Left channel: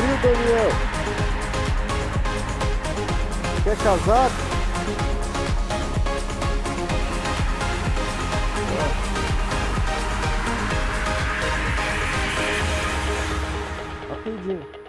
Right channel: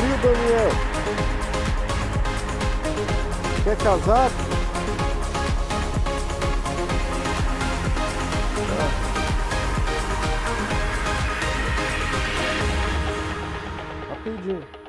frio, Daniel. Quer casaco? Rapidinho.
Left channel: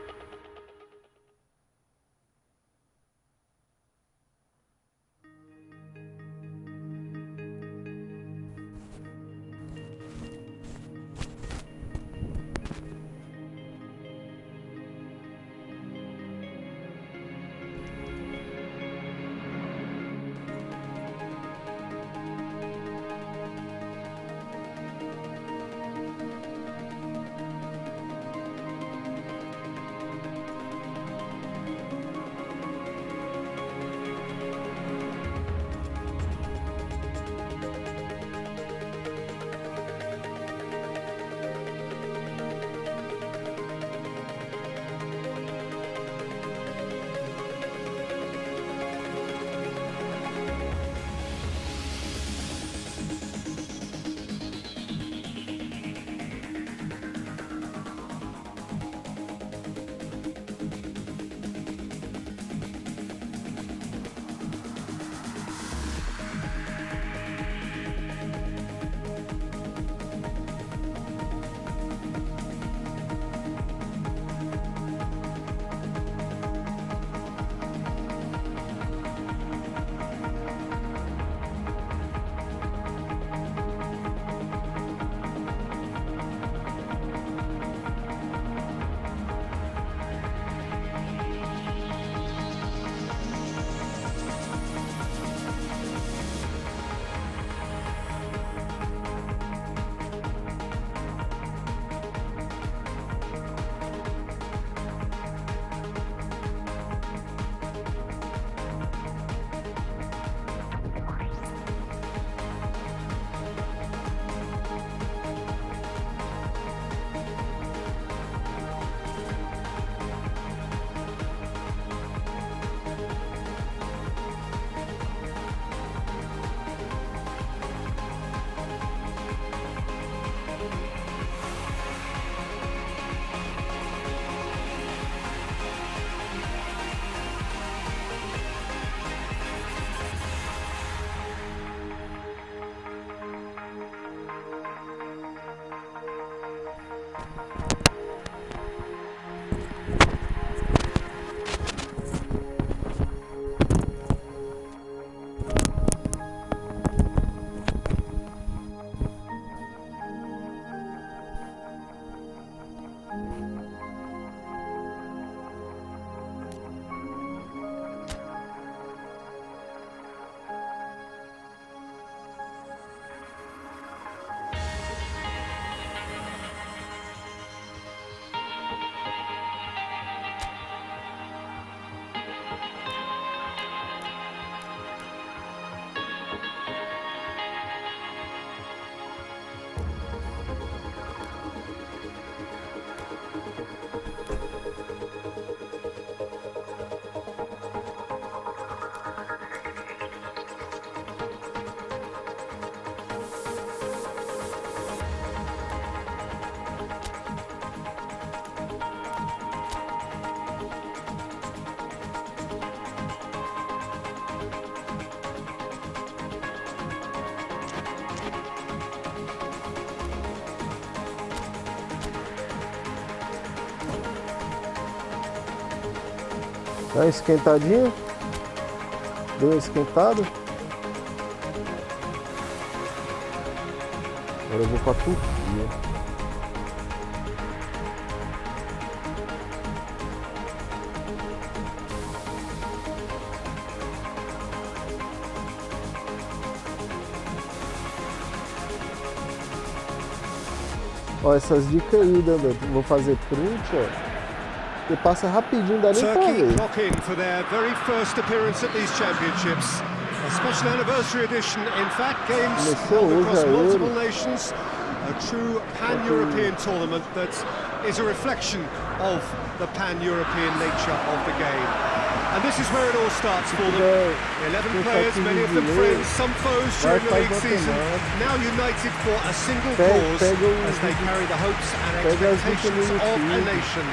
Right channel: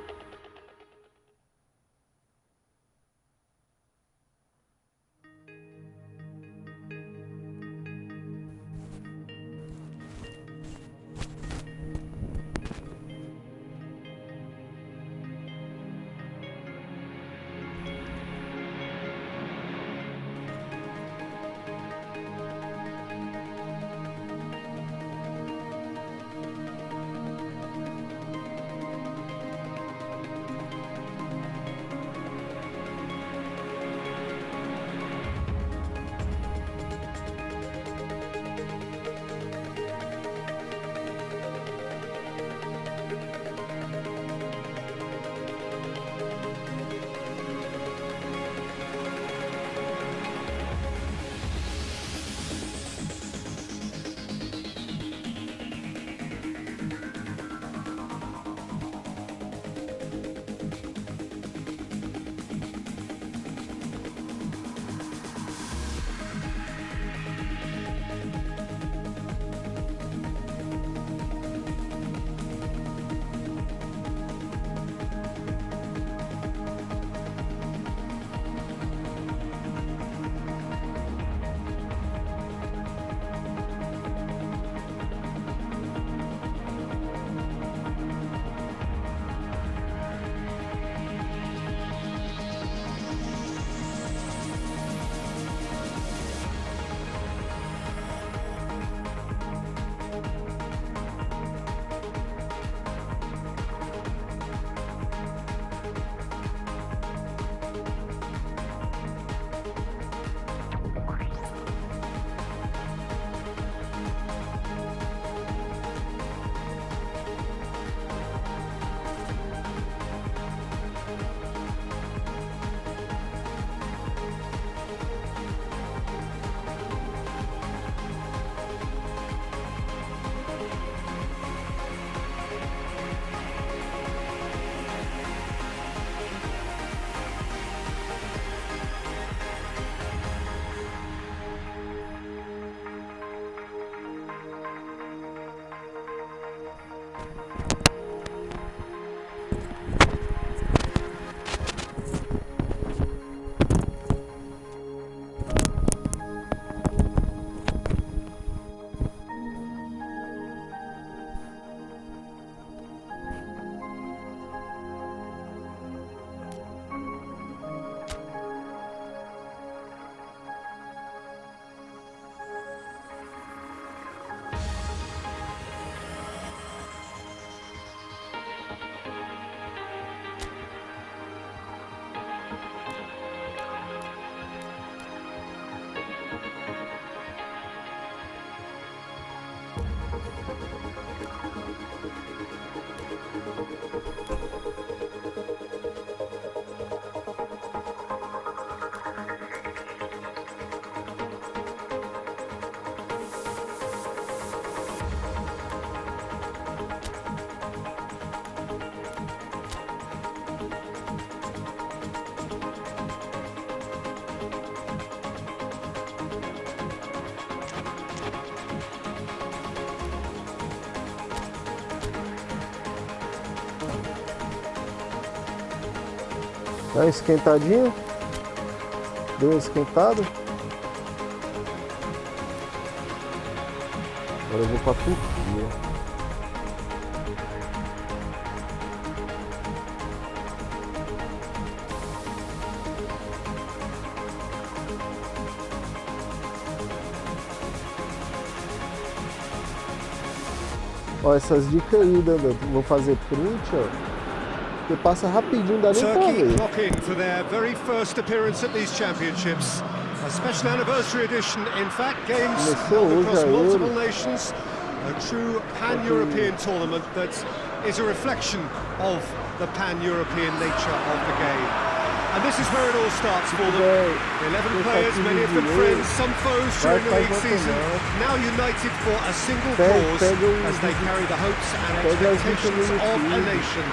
Dá uma esquentadinha. Deu uma esquentada. Agora eu vou pra Turquia. Ó, essas dicas aí, Dandan. Vou fazer print, ó. Você passa rapidinho, dá nem pra Turkey ver. clock in for their very first appearance at these championships. A special anniversary edition, in fact, games held across multiple nations. A true pan-European tournament that is a reflection of the pan-European nature of the game. And this is where it all starts for them. 11 players, many of them friends, some foes during the league season, now united for a single cause as they carry the hopes and expectations of a nation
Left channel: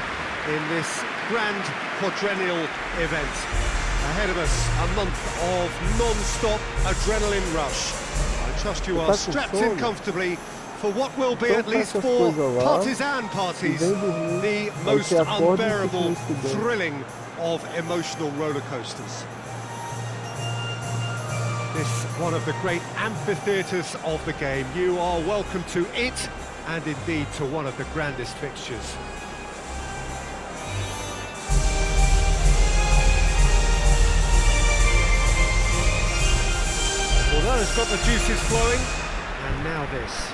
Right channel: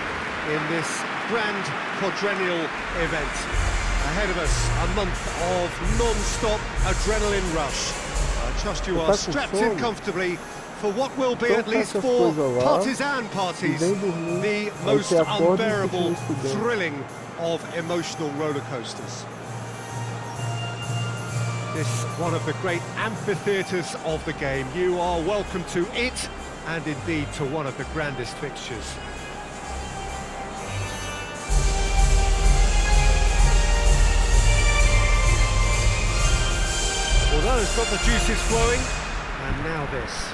in this grand quadrennial event. Ahead of us, a month of non-stop adrenaline rush. I trust you are strapped in comfortably for what will be at least 4 partisan parties, the most unbearable, thrilling of emotional roller coasters. This one of the great amphitheatres of the game. You are welcome to it, and indeed to one of the grandest fixtures. Well, that has got the juices flowing, and now this.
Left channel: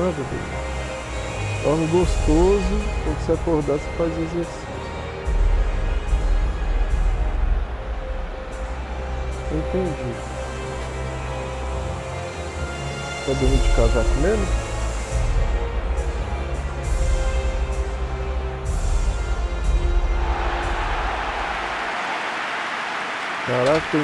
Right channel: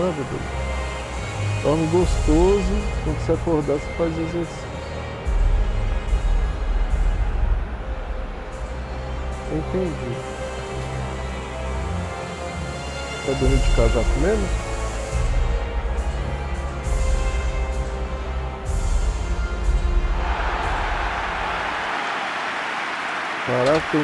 Ah, bebê. Dorme gostoso, quando você acordar você faz exercício. Entendi. Vai dormir de casaco mesmo? Caraca, tem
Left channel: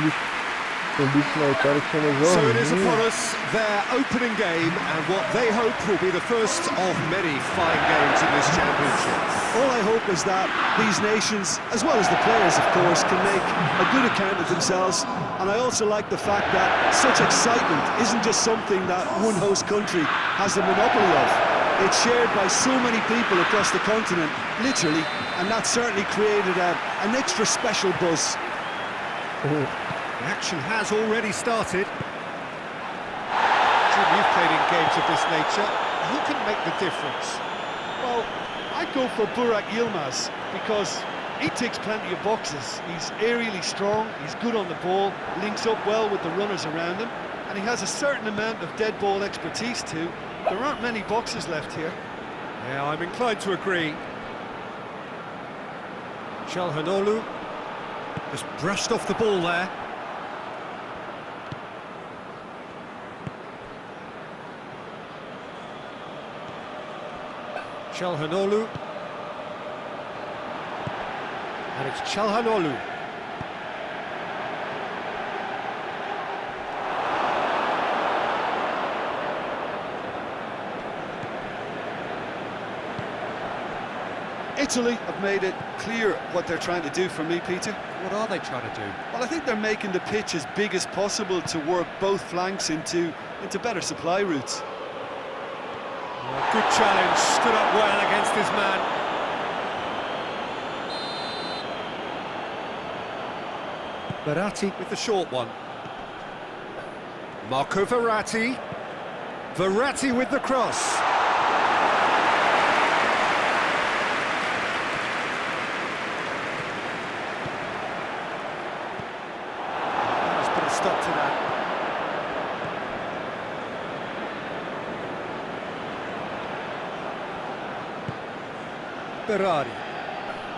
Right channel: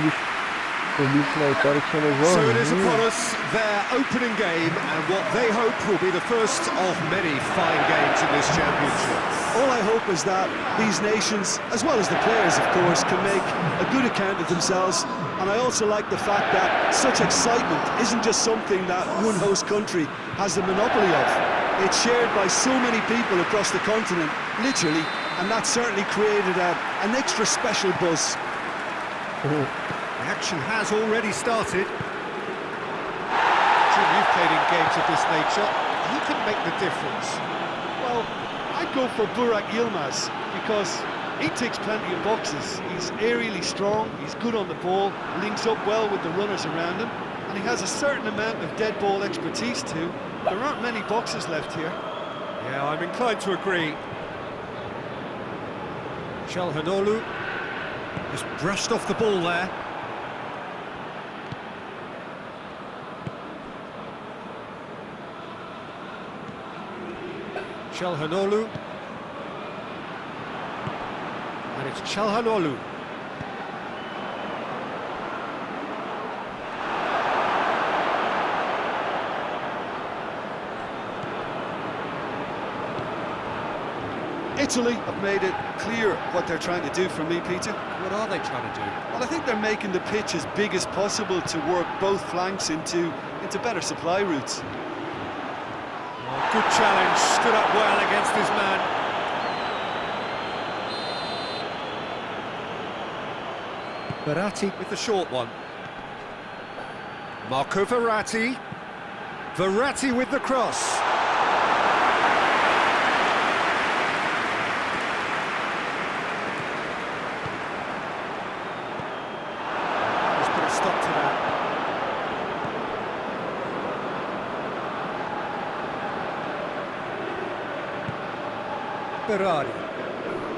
um bicho na Itália que chama Jorginho. So it is upon us, their opening game, and what they hope will be the first of many fine games in this championship. All I hope is that these nations, as well as the players of course, can make a good account of themselves, and I also like the fact that such excitement isn't just something that one host country has the monopoly of. It's shared by so many people across the continent, literally, and that certainly created an extra special buzz. The action has already started. Jim, you've played in games of this nature. Who can make the difference? Well, I'd go for Burak Yilmaz because he ticks plenty of boxes. He's aerially strong, he's good on the ball, links up well with the runners around him, and he has a certain amount of dead ball expertise too. There aren't many boxes left here. Yeah, I'm inclined to agree. Çalhanoğlu just brushed off the ball there. Çalhanoğlu. And it's Çalhanoğlu. Italy have made it clear what they're trying to do for me, Peter. What are they trying to do? Well, I think they're making the pitch as big as possible to work both flanks into better supply routes. Oh, good challenge, stood up well against his man. Verratti with the short one. Marco Verratti. Verratti with the cross. Let's put a stop to that. Berardi.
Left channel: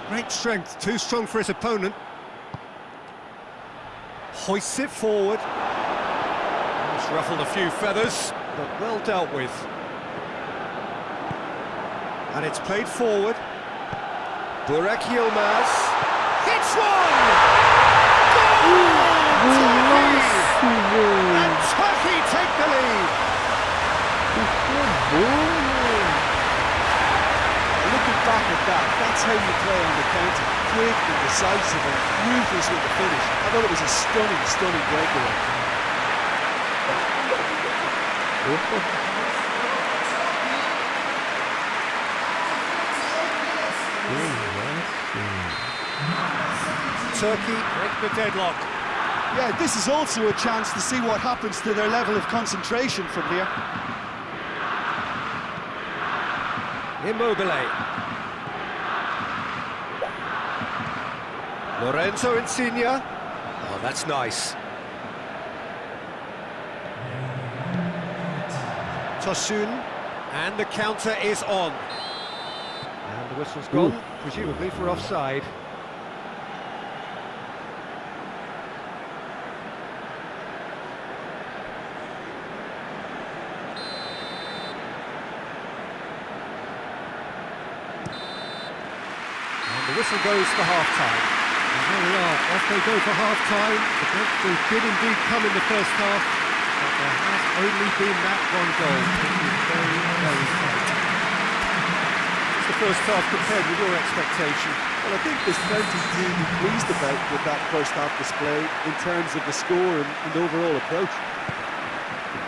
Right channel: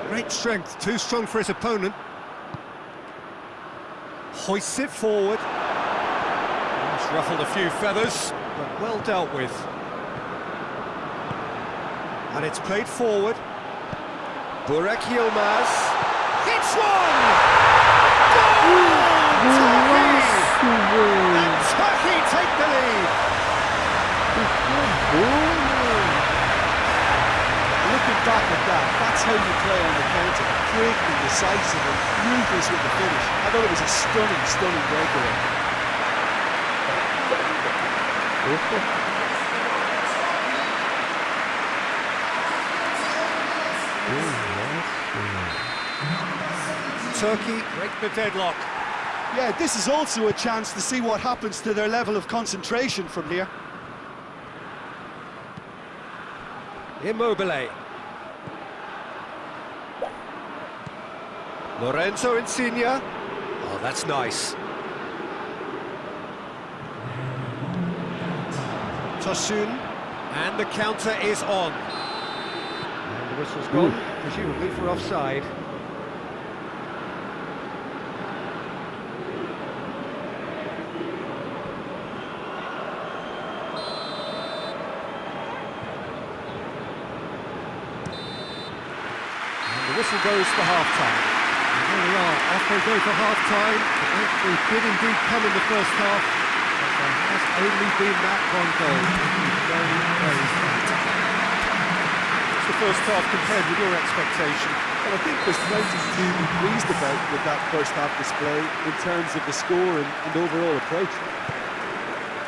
Great strength, too strong for his opponent. Hoists it forward. It's ruffled a few feathers, but well dealt with. And it's played forward. Burak Yilmaz. Hits one! Goal! Turkey! And Turkey take the lead. Looking back at that, that's how you play on the counter. Quick and decisive and ruthless with the finish. I thought it was a stunning, stunning breakaway. Turkey break the deadlock. Yeah, this is also a chance to see what happens to their level of concentration from here. Immobile. Lorenzo Insigne. Oh, that's nice. Tosun. And the counter is on. And the whistle's gone, presumably for offside. whistle goes for half-time. And there we are, off they go for half-time. The breakthrough did indeed come in the first half, but there has only been that one goal. It is very, very tight. What's the first half compared with your expectation? Well, I think there's plenty to be pleased about with that first half display in terms of the score and overall approach.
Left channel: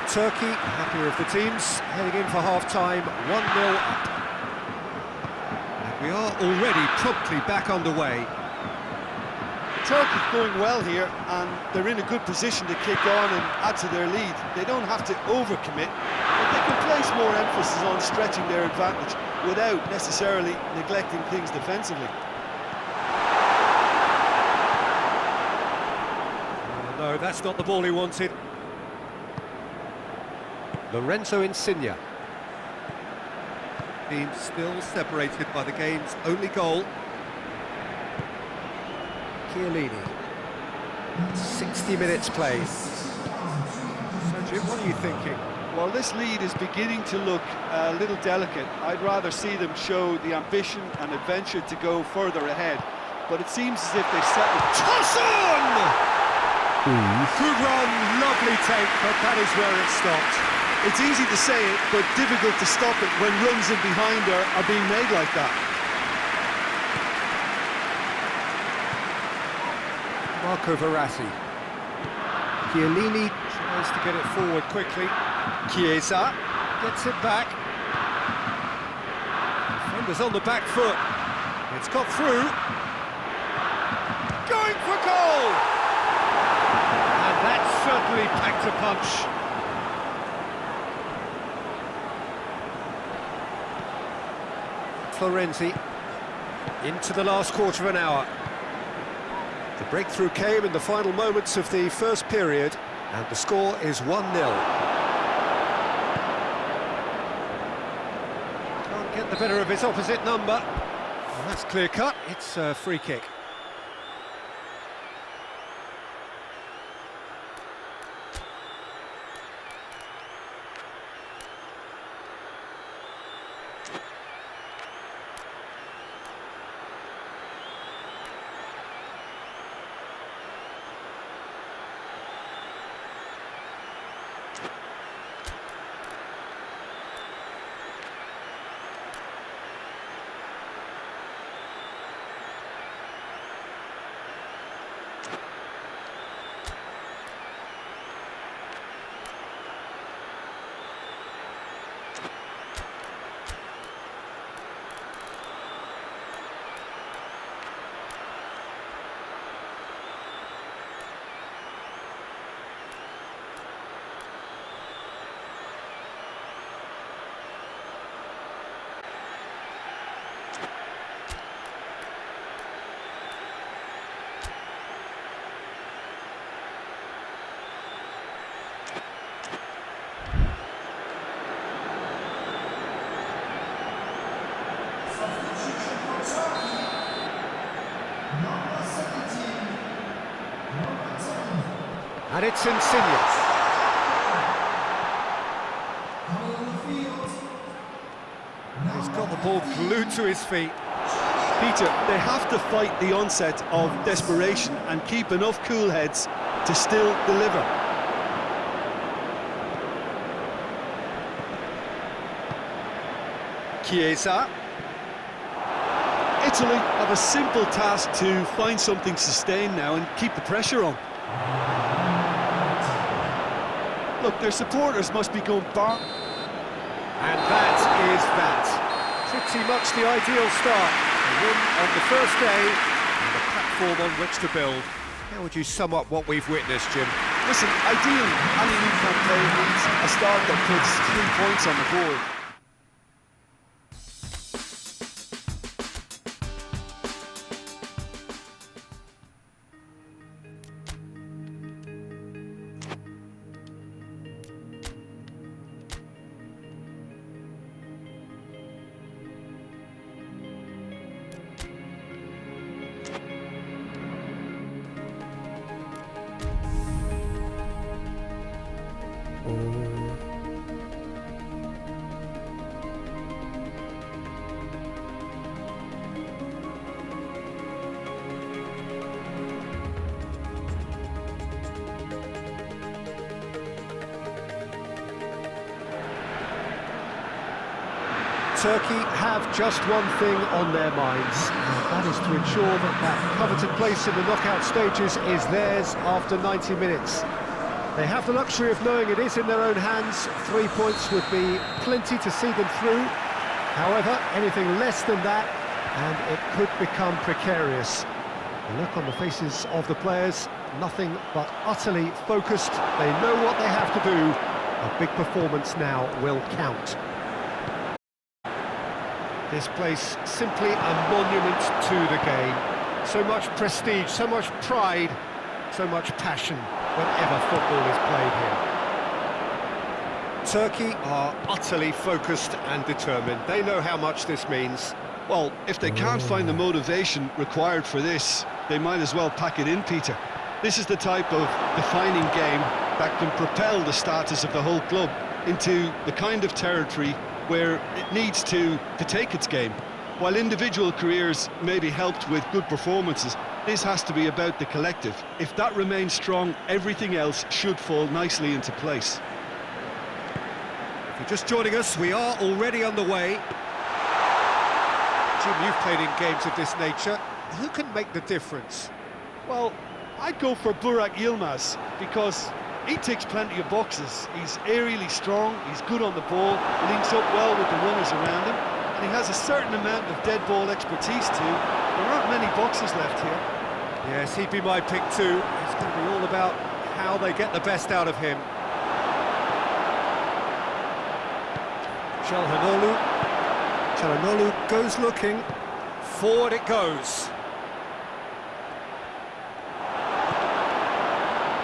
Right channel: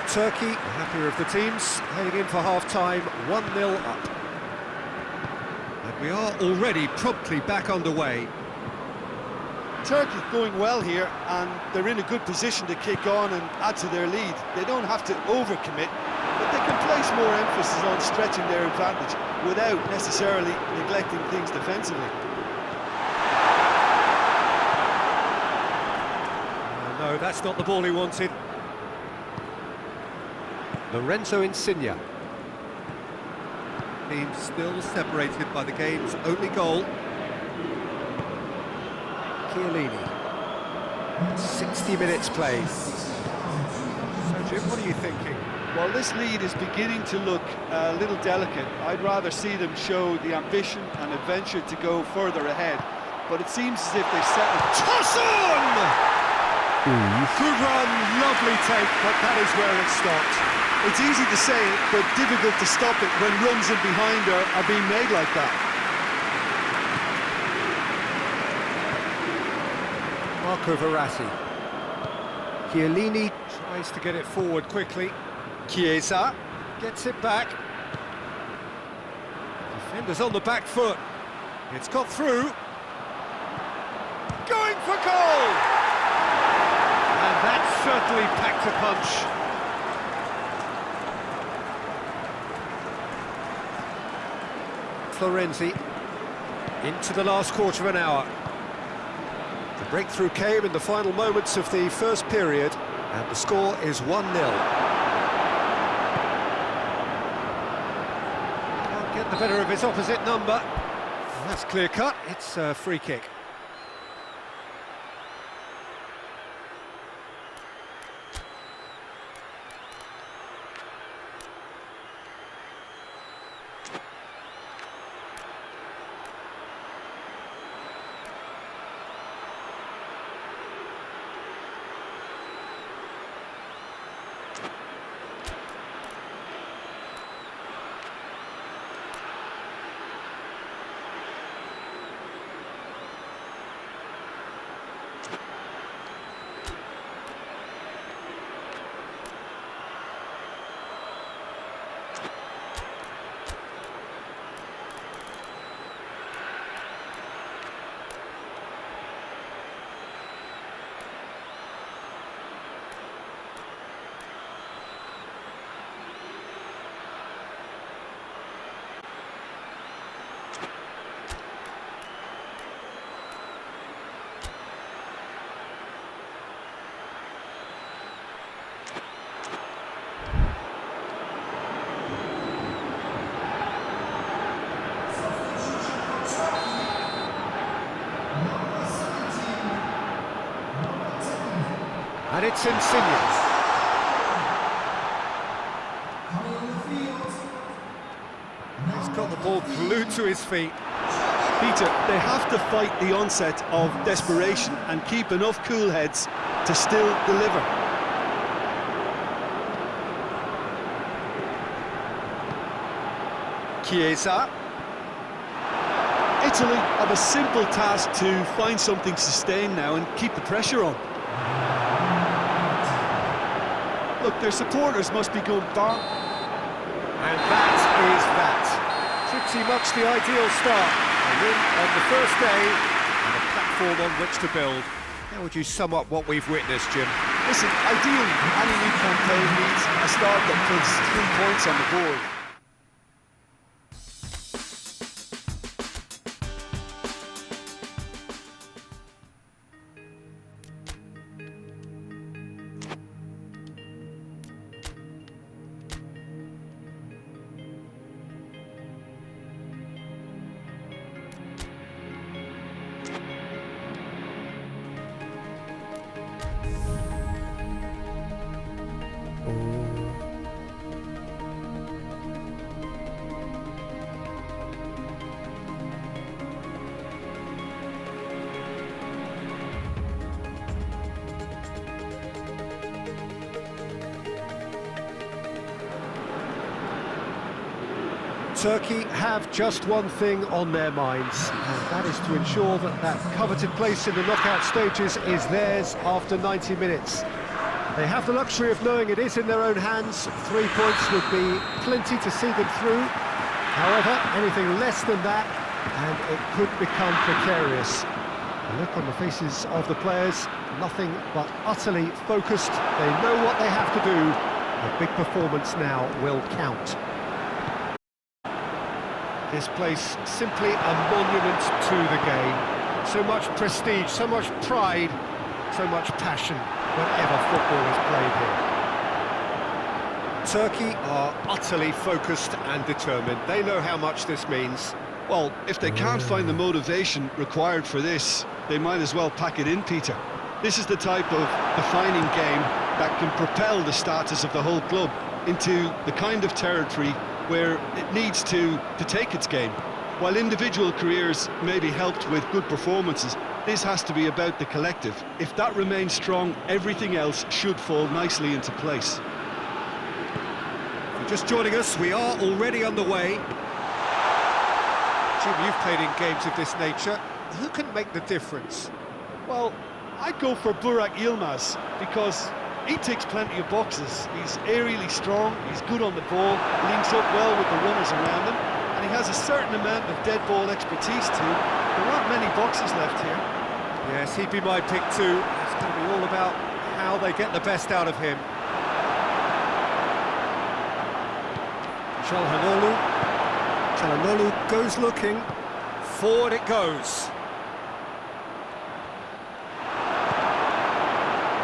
Turkey, the happier of the teams, heading in for half-time, 1-0 up. And we are already promptly back underway. Turkey going well here, and they're in a good position to kick on and add to their lead. They don't have to overcommit, but they can place more emphasis on stretching their advantage without necessarily neglecting things defensively. No, that's not the ball he wanted. Lorenzo Insigne. Team still separated by the game's only goal. Chiellini. 60 minutes played. So Jim, what are you thinking? Well, this lead is beginning to look a little delicate. I'd rather see them show the ambition and adventure to go further ahead. But it seems as if they've settled. Toss on! Good run, lovely take, but that is where it stopped. It's easy to say it, but difficult to stop it when runs in behind are being made like that. Marco Verratti. Chiellini tries to get it forward quickly. Chiesa gets it back. Defenders on the back foot. It's got through. Going for goal! And that certainly packed a punch. Florenzi into the last quarter of an hour. The breakthrough came in the final moments of the first period, and the score is 1-0. Can't get the better of his opposite number. Well, that's clear cut, it's a free kick. And it's Insigne. He's got the ball glued to his feet. Peter, they have to fight the onset of desperation and keep enough cool heads to still deliver. Chiesa. Italy have a simple task to find something sustained now and keep the pressure on. Look, their supporters must be going bar. And that is that. Pretty much the ideal start. A win on the first day and a platform on which to build. How would you sum up what we've witnessed, Jim? Listen, ideally, any new campaign needs a start that puts 3 points on the board. Turkey have just one thing on their minds, and that is to ensure that that coveted place in the knockout stages is theirs after 90 minutes. They have the luxury of knowing it is in their own hands. 3 points would be plenty to see them through. However, anything less than that, and it could become precarious. The look on the faces of the players, nothing but utterly focused. They know what they have to do. A big performance now will count. This place simply a monument to the game. So much prestige, so much pride, so much passion whenever football is played here. Turkey are utterly focused and determined. They know how much this means. Well, if they can't find the motivation required for this, they might as well pack it in, Peter. This is the type of defining game that can propel the status of the whole club into the kind of territory where it needs to take its game. While individual careers may be helped with good performances, this has to be about the collective. If that remains strong, everything else should fall nicely into place. If you're just joining us, we are already underway. Jim, you've played in games of this nature. Who can make the difference? Well, I'd go for Burak Yilmaz because he ticks plenty of boxes. He's aerially strong, he's good on the ball, links up well with the runners around him, and he has a certain amount of dead ball expertise too. There aren't many boxes left here. Yes, he'd be my pick too. It's going to be all about how they get the best out of him. Çalhanoğlu goes looking. Forward it goes.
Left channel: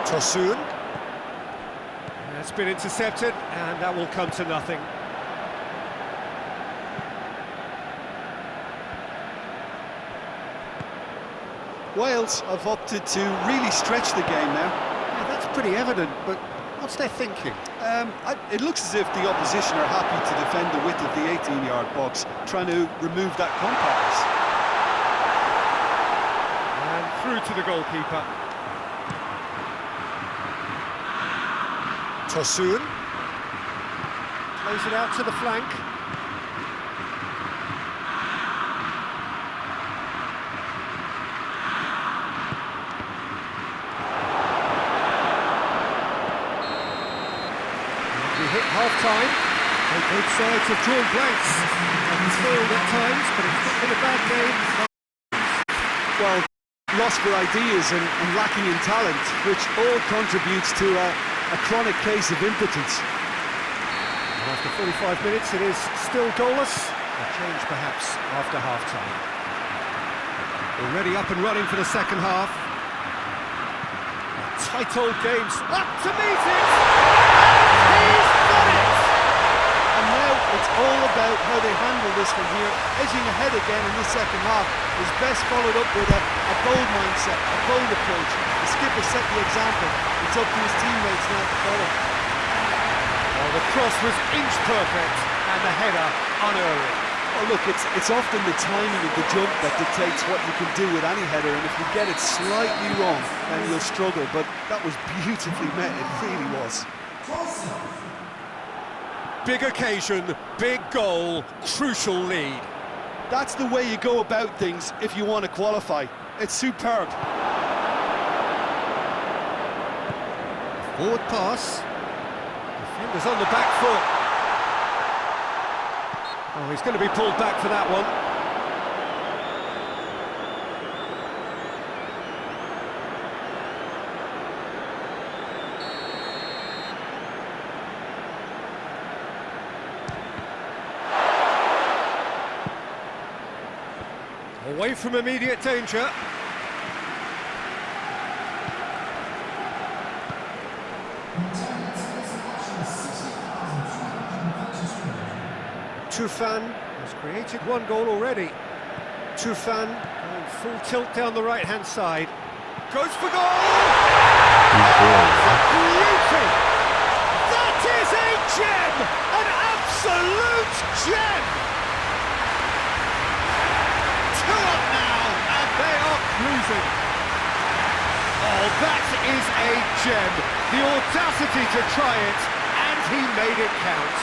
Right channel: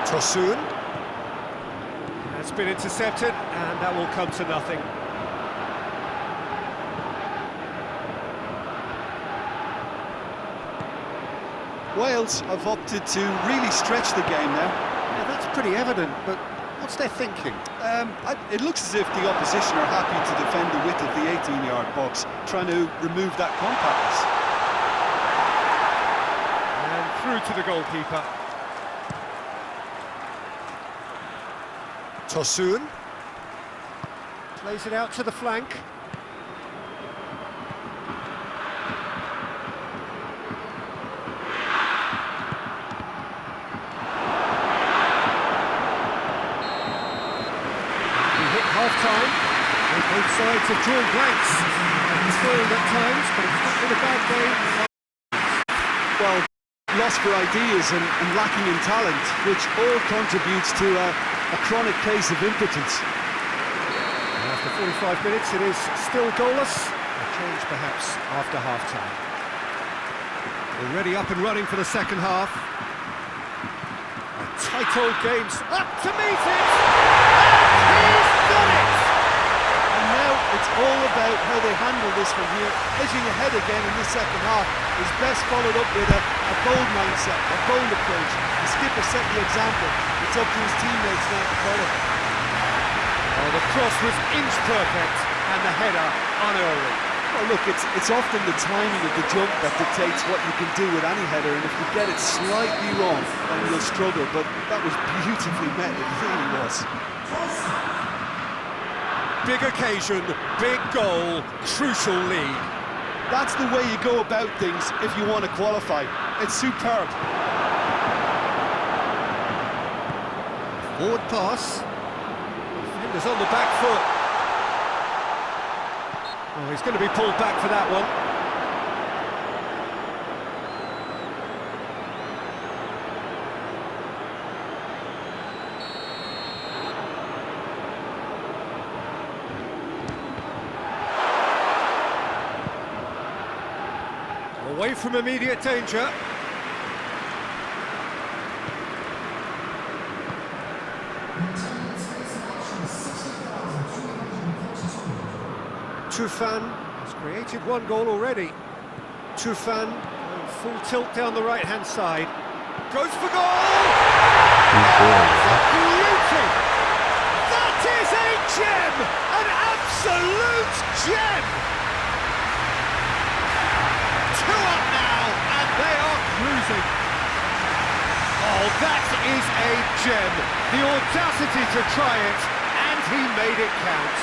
Tosun. That's been intercepted, and that will come to nothing. Wales have opted to really stretch the game now. Yeah, that's pretty evident, but what's their thinking? It looks as if the opposition are happy to defend the width of the 18-yard box, trying to remove that compactness. And through to the goalkeeper. Tosun plays it out to the flank. We hit half-time. Both sides have drawn blanks and toiled at times, but it's not been a bad game. Well, lost for ideas and lacking in talent, which all contributes to a chronic case of impotence. And after 45 minutes, it is still goalless. A change, perhaps, after half-time. Already up and running for the second half. A tight old game's up to meet it! And he's done it! And now it's all about how they handle this from here. Edging ahead again in this second half is best followed up with a bold mindset, a bold approach. The skipper set the example. It's up to his teammates now to follow. Oh, the cross was inch perfect and the header unerring. Well, look, it's often the timing of the jump that dictates what you can do with any header, and if you get it slightly wrong, then you'll struggle. But that was beautifully met, it really was. Big occasion, big goal, crucial lead. That's the way you go about things if you want to qualify. It's superb. Forward pass. Defenders on the back foot. Oh, he's going to be pulled back for that one. Away from immediate danger. Tufan has created one goal already. Tufan going full tilt down the right-hand side. Goes for goal! Beauty! That is a gem! An absolute gem! 2 up now, and they are cruising. Oh, that is a gem. The audacity to try it, and he made it count.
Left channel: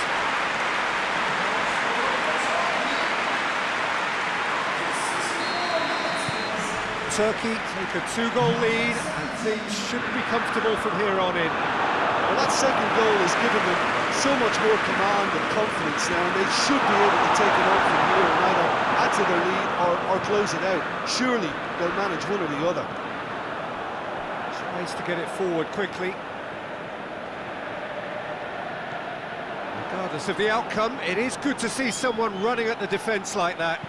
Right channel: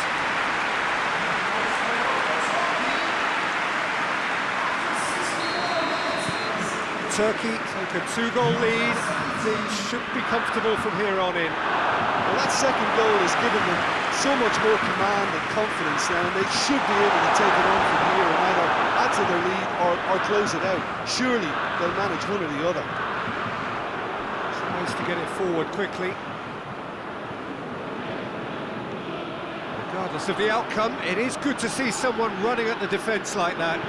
Turkey take a 2-goal lead, and things should be comfortable from here on in. Well, that second goal has given them so much more command and confidence now, and they should be able to take it on from here and either add to their lead or close it out. Surely they'll manage one or the other. Tries to get it forward quickly. Regardless of the outcome, it is good to see someone running at the defence like that.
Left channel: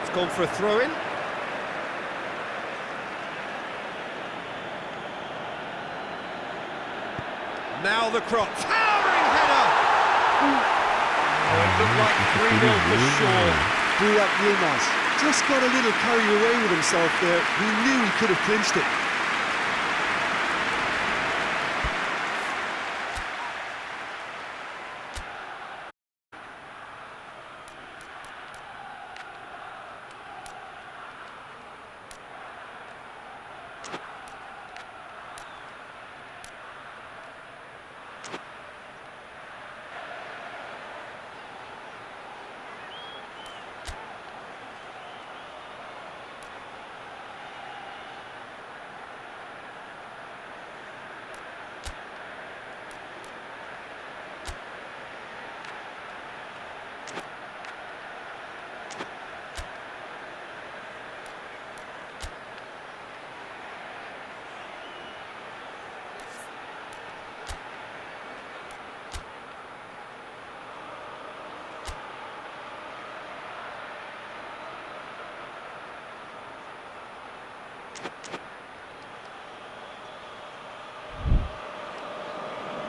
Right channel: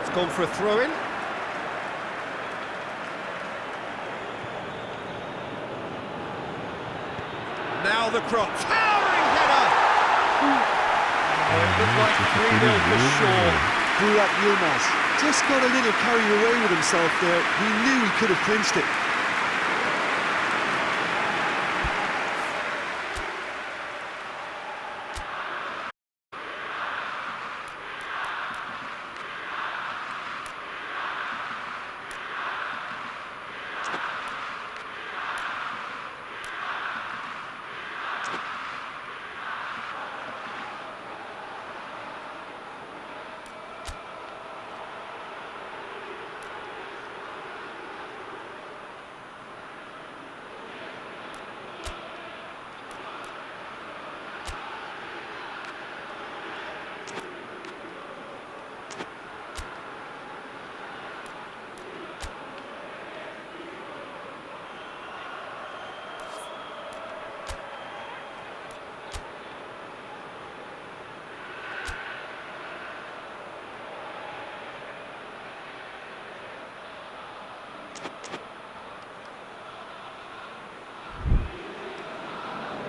It's gone for a throw-in. Now the cross. Towering header! Oh, it looked like 3-0 for sure. Burak Yilmaz just got a little carried away with himself there. He knew he could have clinched it.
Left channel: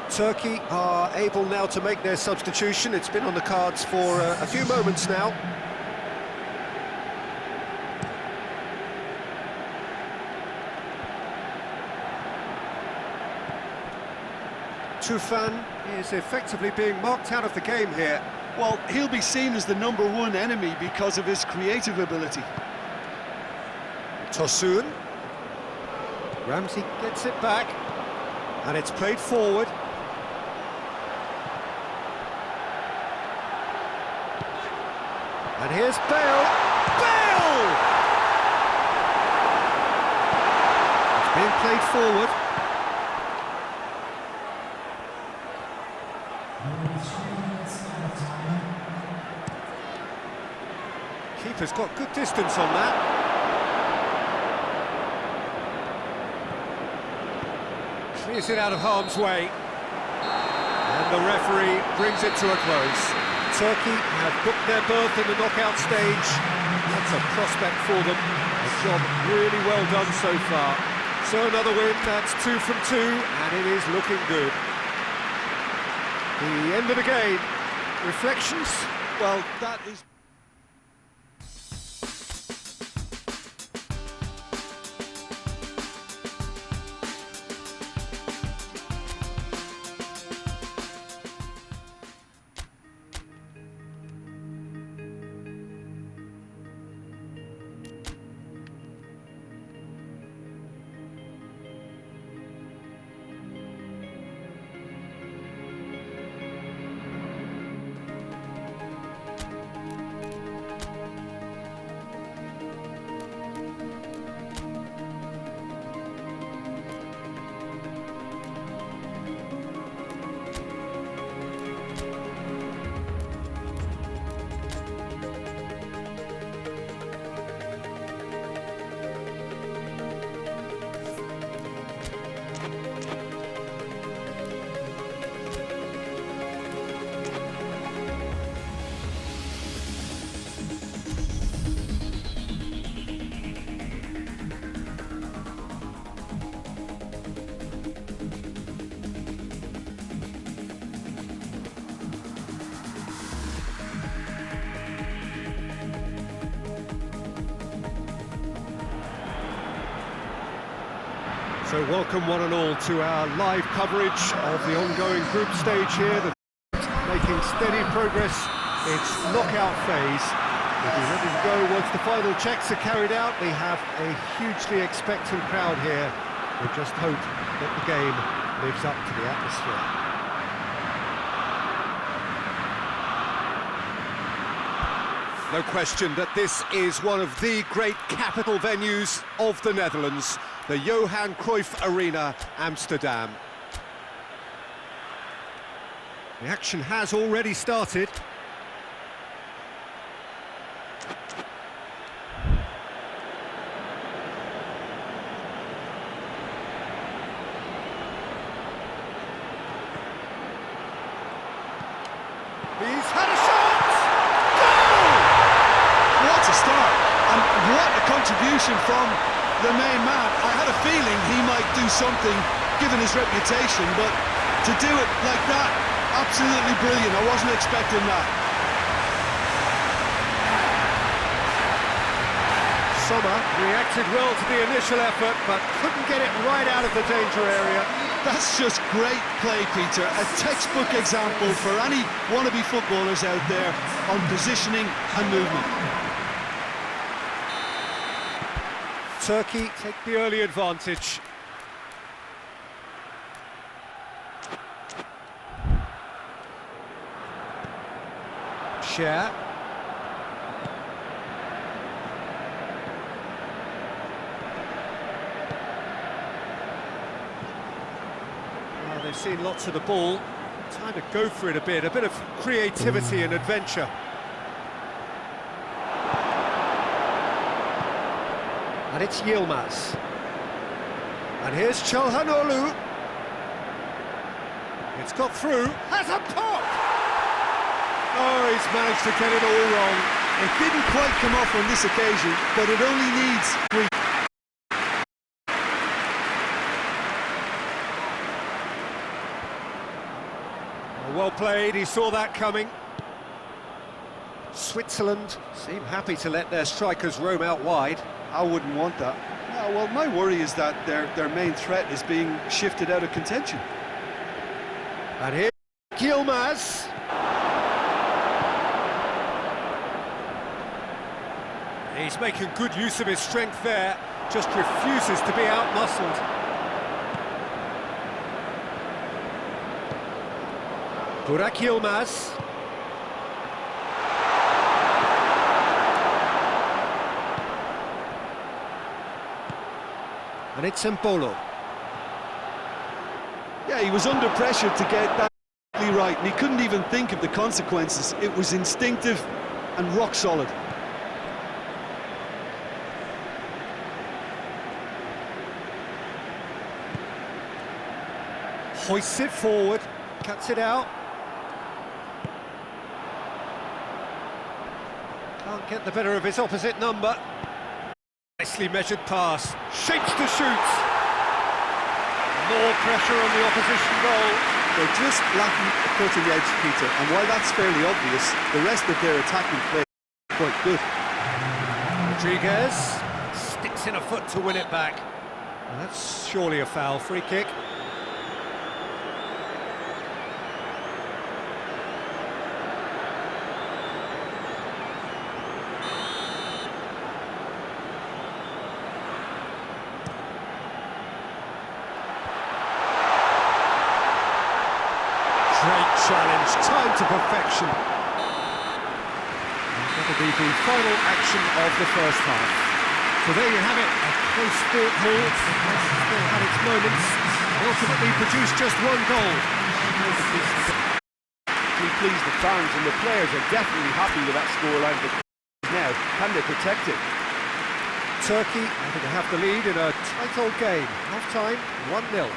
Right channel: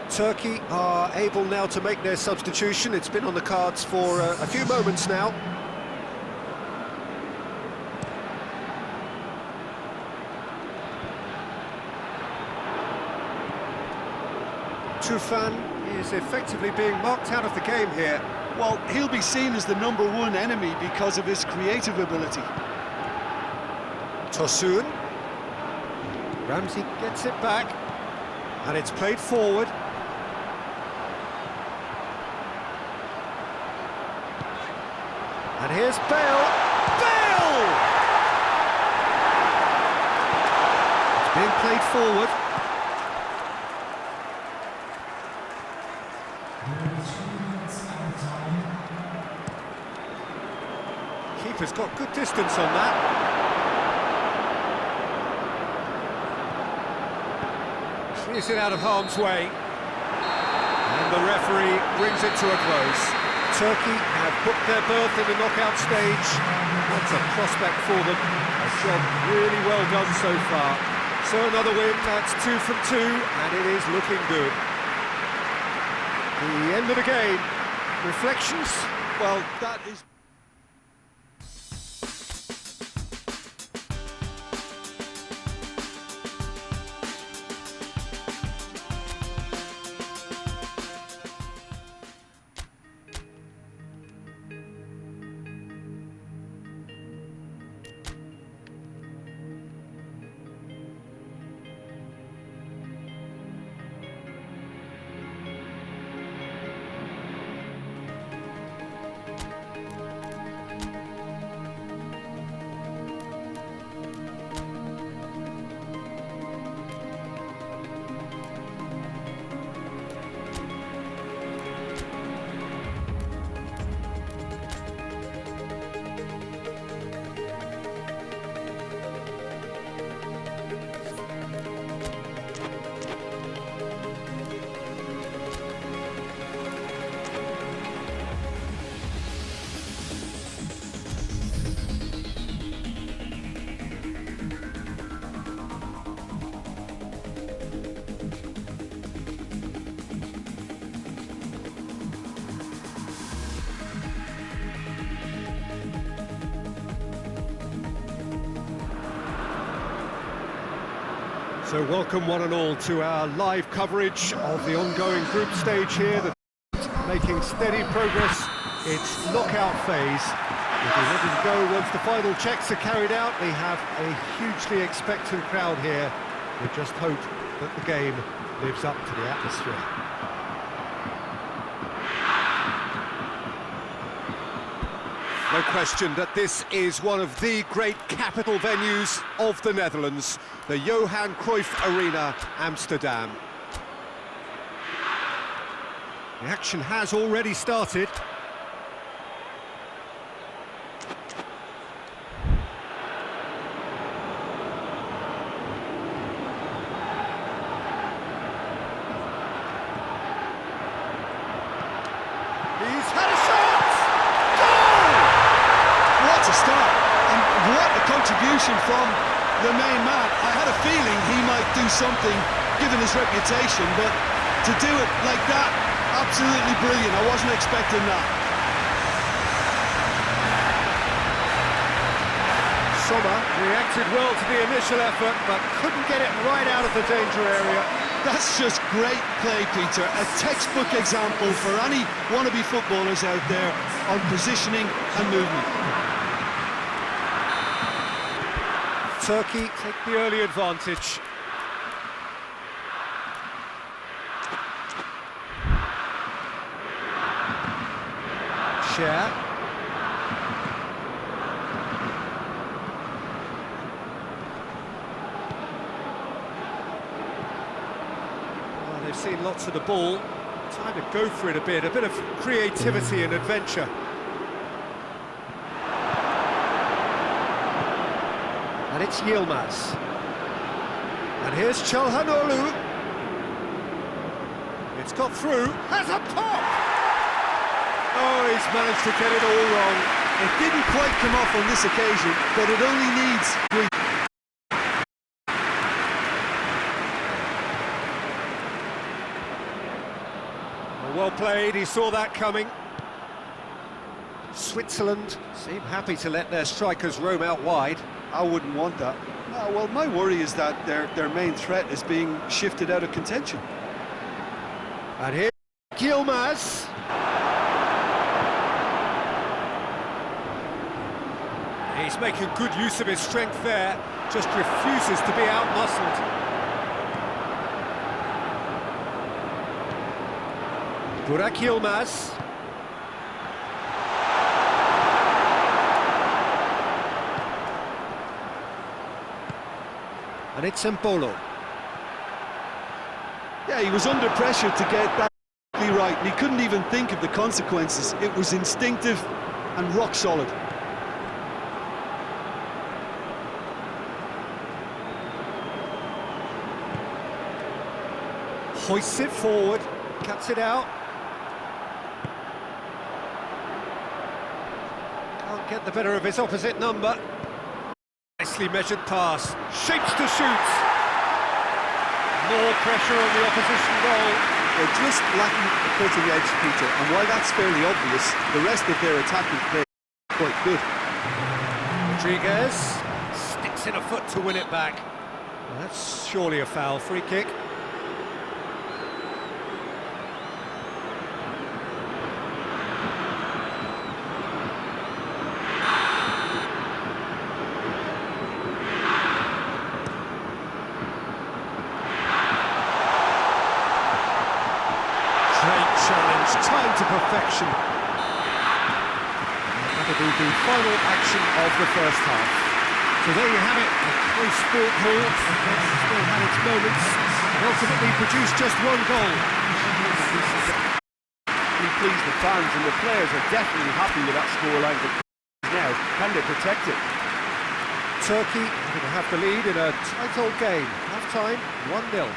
Turkey are able now to make their substitution. It's been on the cards for a few moments now. Tufan is effectively being marked out of the game here. Well, he'll be seen as the #1 enemy because of his creative ability. Tosun. Ramsey gets it back, and it's played forward. And here's Bale. Bale! It's being played forward. Keeper's got good distance on that. Clears it out of harm's way. And the referee brings it to a close. Turkey have booked their berth in the knockout stage. What a prospect for them. A job really well done so far. So another win, that's 2 from 2, and it is looking good. The end of the game. Reflections? Well, that is... So welcome one and all to our live coverage of the ongoing group stage here. The making steady progress. It's knockout phase. We'll be ready to go once the final checks are carried out. We have a hugely expectant crowd here. We just hope that the game lives up to the atmosphere. No question that this is one of the great capital venues of the Netherlands, the Johan Cruyff Arena, Amsterdam. The action has already started. He's had a shot! Goal! What a start, and what a contribution from the main man. I had a feeling he might do something, given his reputation, but to do it like that, absolutely brilliant. I wasn't expecting that. Sommer reacted well to the initial effort, but couldn't get it right out of the danger area. That's just great play, Peter. A textbook example for any wannabe footballers out there on positioning and movement. Turkey take the early advantage. Share. They've seen lots of the ball. Time to go for it a bit of creativity and adventure. And it's Yilmaz. And here's Çalhanoğlu. It's got through, has a pop! Oh, he's managed to get it all wrong. It didn't quite come off on this occasion, but it only needs tweak. Well played, he saw that coming. Switzerland seem happy to let their strikers roam out wide. I wouldn't want that. No, well, my worry is that their main threat is being shifted out of contention. And here, Yilmaz. He's making good use of his strength there, just refuses to be out-muscled. Burak Yilmaz. And it's Embolo. Yeah, he was under pressure to get that right, and he couldn't even think of the consequences. It was instinctive and rock solid. Hoists it forward, cuts it out. Can't get the better of his opposite number. Nicely measured pass, shapes to shoot. More pressure on the opposition goal. They're just lacking a cutting edge, Peter, and while that's fairly obvious, the rest of their attacking play is quite good. Rodriguez sticks in a foot to win it back. Well, that's surely a foul. Free kick. Great challenge, time to perfection. And that'll be the final action of the first half. So there you have it, a close sport haul, but still had its moments, and ultimately produced just one goal. Please the fans, and the players are definitely happy with that scoreline. Now, can they protect it? Turkey having to have the lead in a tight old game. Half-time, 1-0.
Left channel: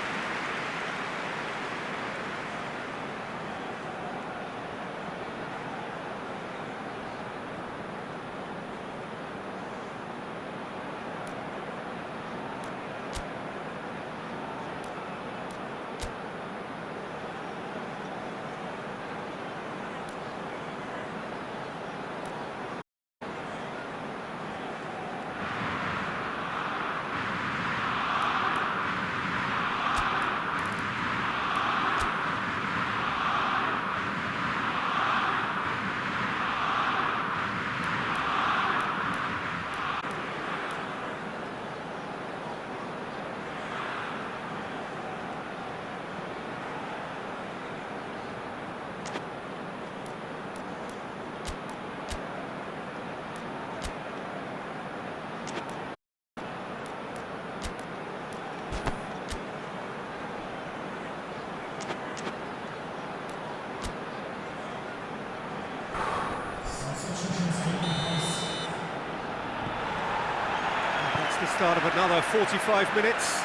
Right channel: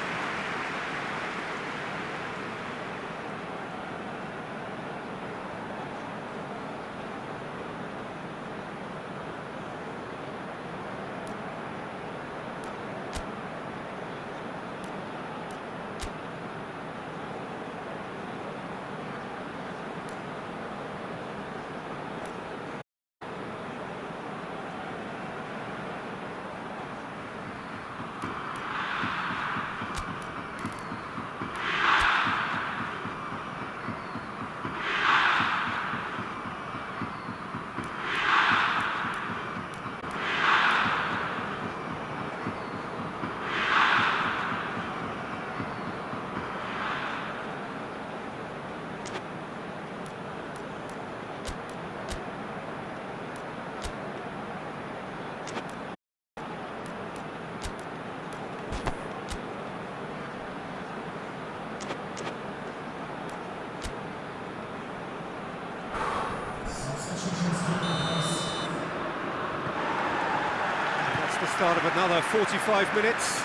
the start of another 45 minutes.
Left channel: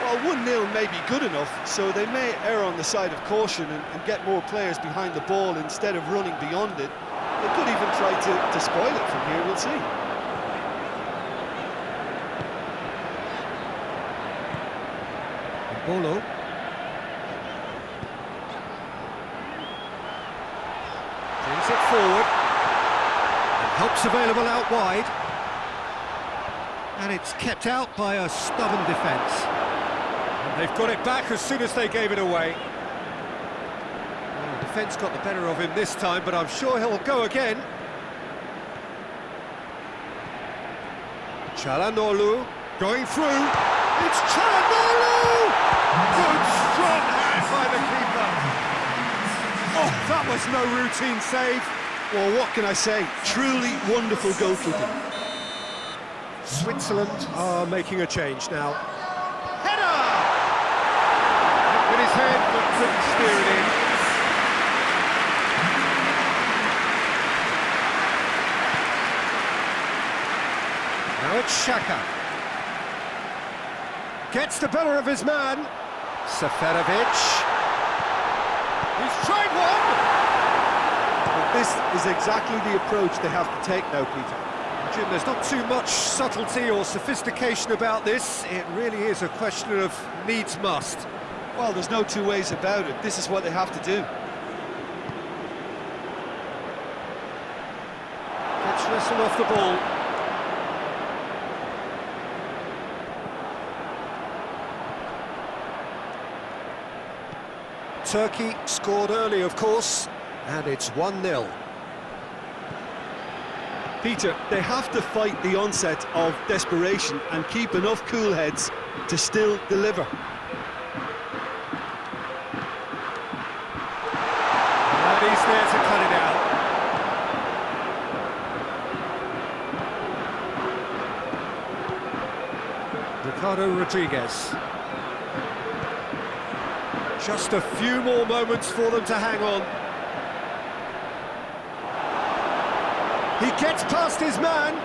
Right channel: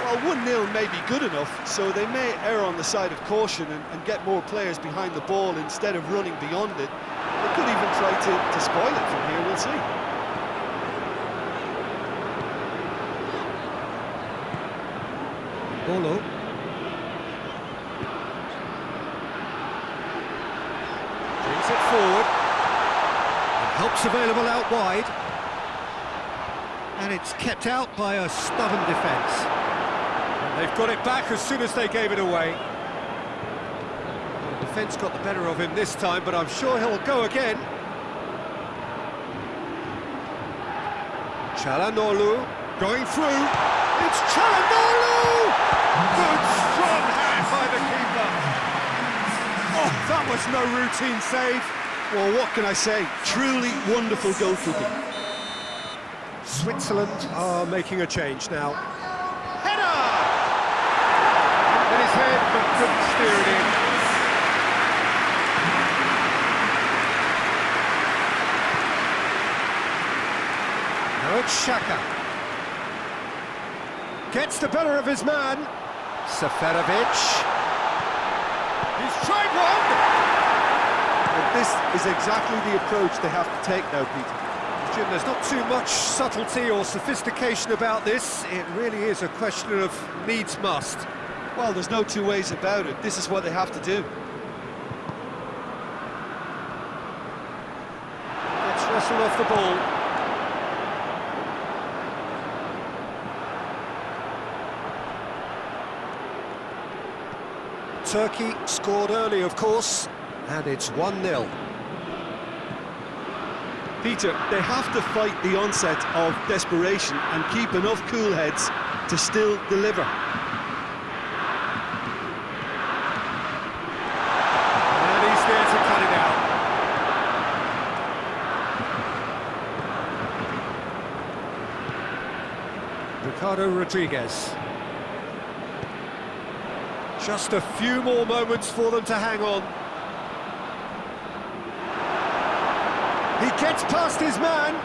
Well, 1-0 may be good enough, so they may err on the side of caution and get more players behind the ball instead of running beyond it. They could even try to spoil it from here, we'll see. Bolo. Brings it forward. And help's available out wide. And it's kept out by a stubborn defence. And they've got it back as soon as they gave it away. Well, the defence got the better of him this time, but I'm sure he'll go again. Çalhanoğlu going through. It's Çalhanoğlu! Good strong hand by the keeper. Oh, that was no routine save. Well, what can I say? Truly wonderful goalkeeping. Switzerland are making a change now. Header! Hit with his head, but couldn't steer it in. Now it's Xhaka. Gets the better of his man. Seferovic. He's tried one! But this is exactly the approach they have to take now, Peter. Jim, there's not too much subtlety or sophistication about this. It really is a question of needs must. Well, there's no two ways about it. This is what they have to do. Gets wrestled off the ball. Turkey scored early, of course, and it's 1-0. Peter, they have to fight the onset of desperation and keep enough cool heads to still deliver. And he's there to cut it out. Ricardo Rodriguez. Just a few more moments for them to hang on. He gets past his man.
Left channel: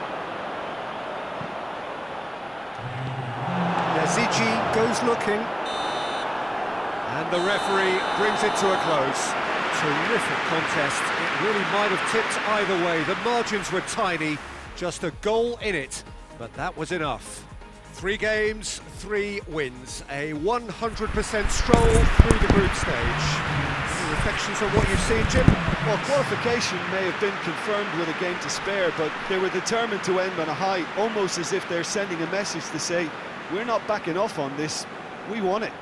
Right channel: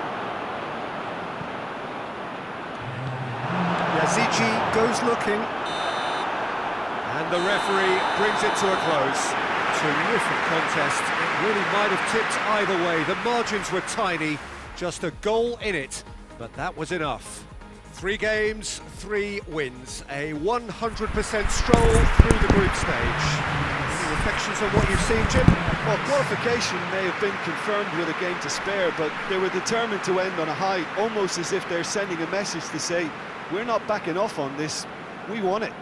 Yazici goes looking. And the referee brings it to a close. Terrific contest. It really might have tipped either way. The margins were tiny. Just a goal in it. But that was enough. 3 games, 3 wins. A 100% stroll through the group stage. Any reflections on what you've seen, Jim? Well, qualification may have been confirmed with a game to spare, but they were determined to end on a high, almost as if they're sending a message to say, we're not backing off on this, we won it.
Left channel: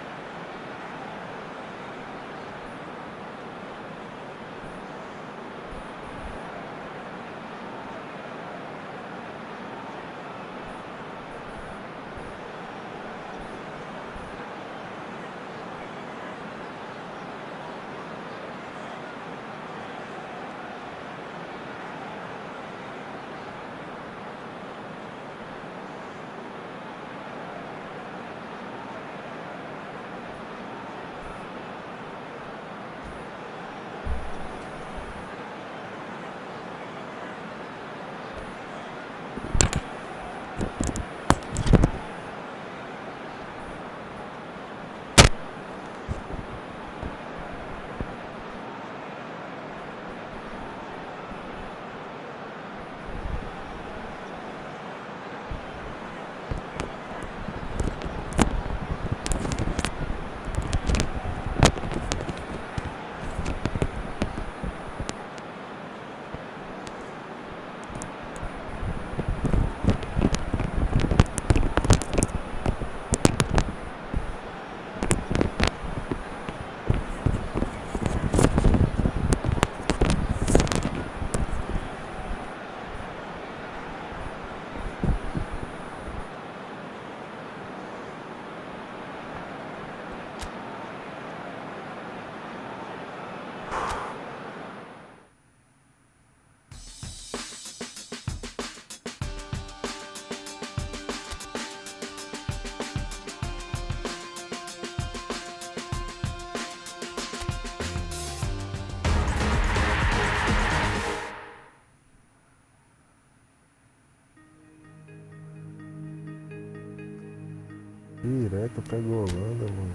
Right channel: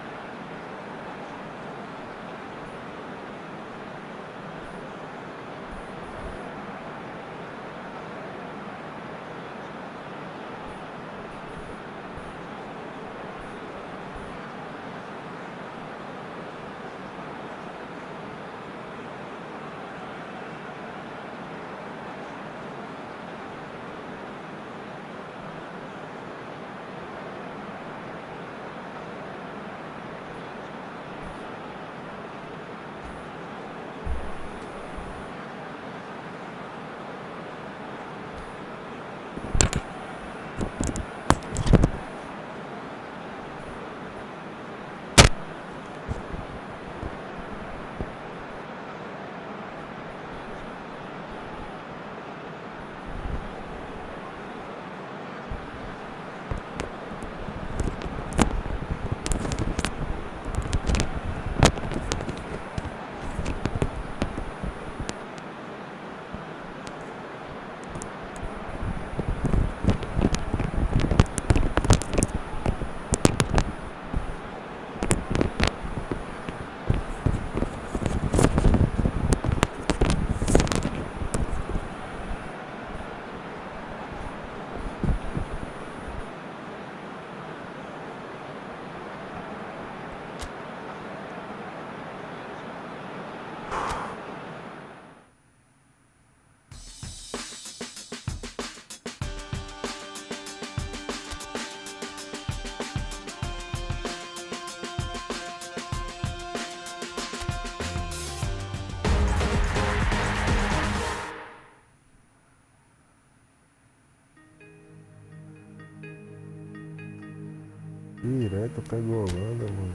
Direto pega a Holanda, mano.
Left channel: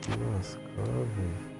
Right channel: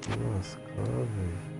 Se lascar, velho.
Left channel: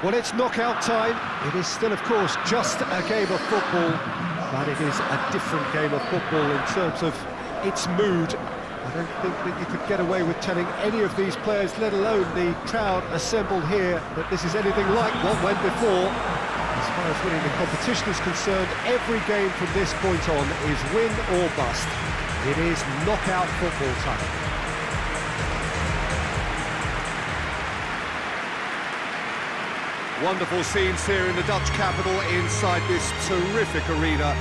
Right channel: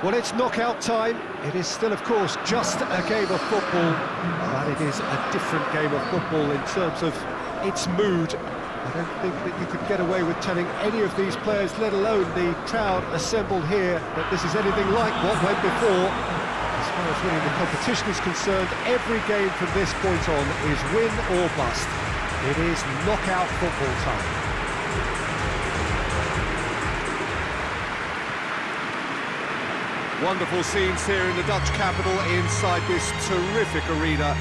Well, it's knockout time. It is still, of course, just a game of football, but it is a different game of football in terms of its mood. I don't think that you could get away with telling any of these players, let alone the crowd assembled here, that this is anything like what went before. As far as winning the competition is concerned, every game from this point on is win or bust. It is knockout football time. Wonderful scenes here in the Dutch capital inside this terrific arena.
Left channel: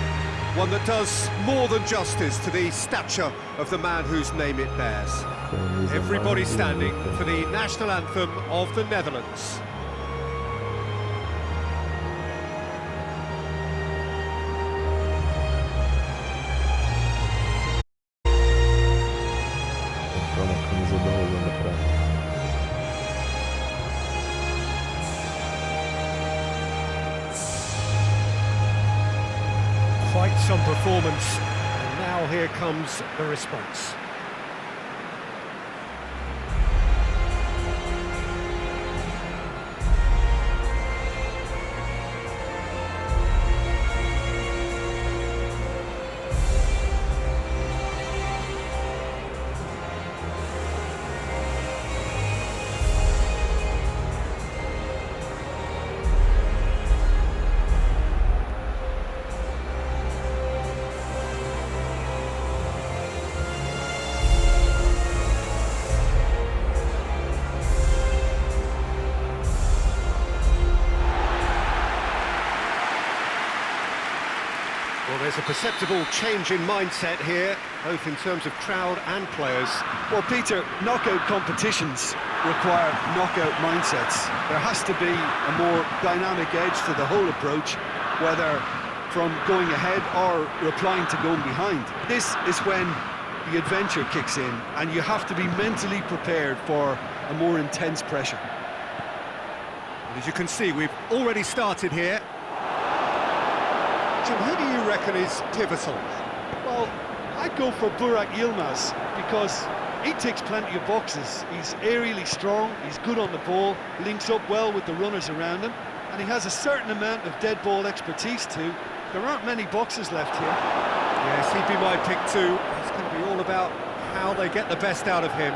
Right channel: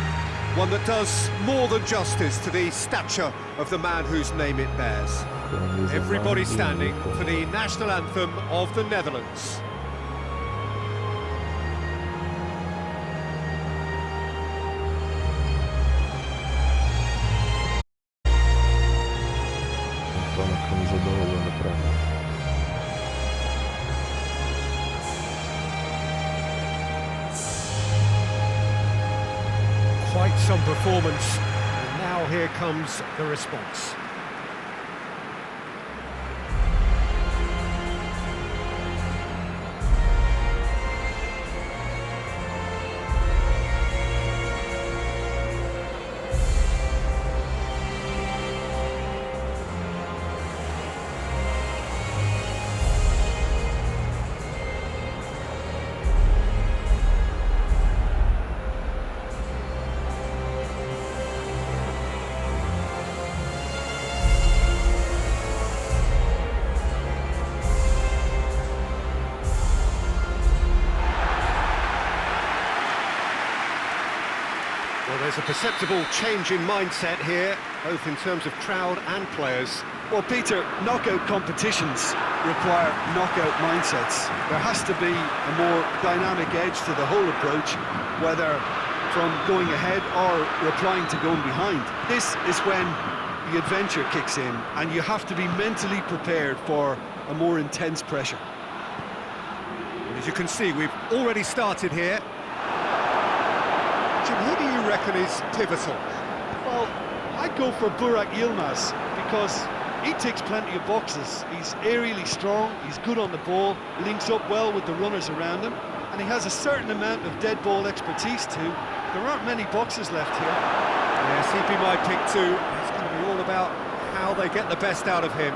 One that does more than justice to the stature of the man whose name it bears. Everybody standing for the national anthem of the Netherlands. Comprar uma camisa da Holanda pra mim. Quite some performance, and now here comes the response. Well, there's a perceptible change in mindset here, both in terms of crowd and players. Well, Peter, knockout competitions require knockout mindsets. There has to be a more dynamic edge to the whole approach, whether from going ahead or replying to going behind. This is when the adventure kicks in, and you have to be mentally prepared for a more intense pressure. And as you can see, we've already started here. Jim, who do you reckon is pivotal? Well, I'd go for Burak Yilmaz because he ticks plenty of boxes. He's aerially strong, he's good on the ball, links up well with the runners around him, and he has a certain amount of dead ball expertise too. There aren't many boxes left here. Yes, he'd be my pick too. It's going to be all about how they get the best out of him.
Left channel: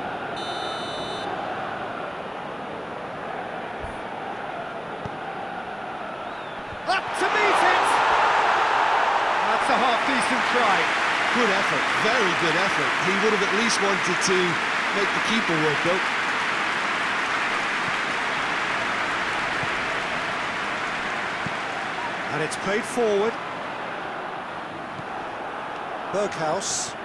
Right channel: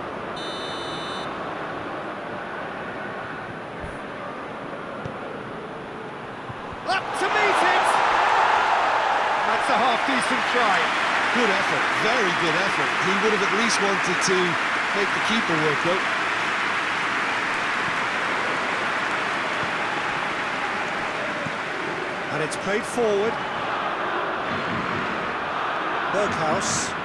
Up to meet it! That's a half-decent try. Good effort, very good effort. He would have at least wanted to make the keeper work though. And it's played forward. Berghuis.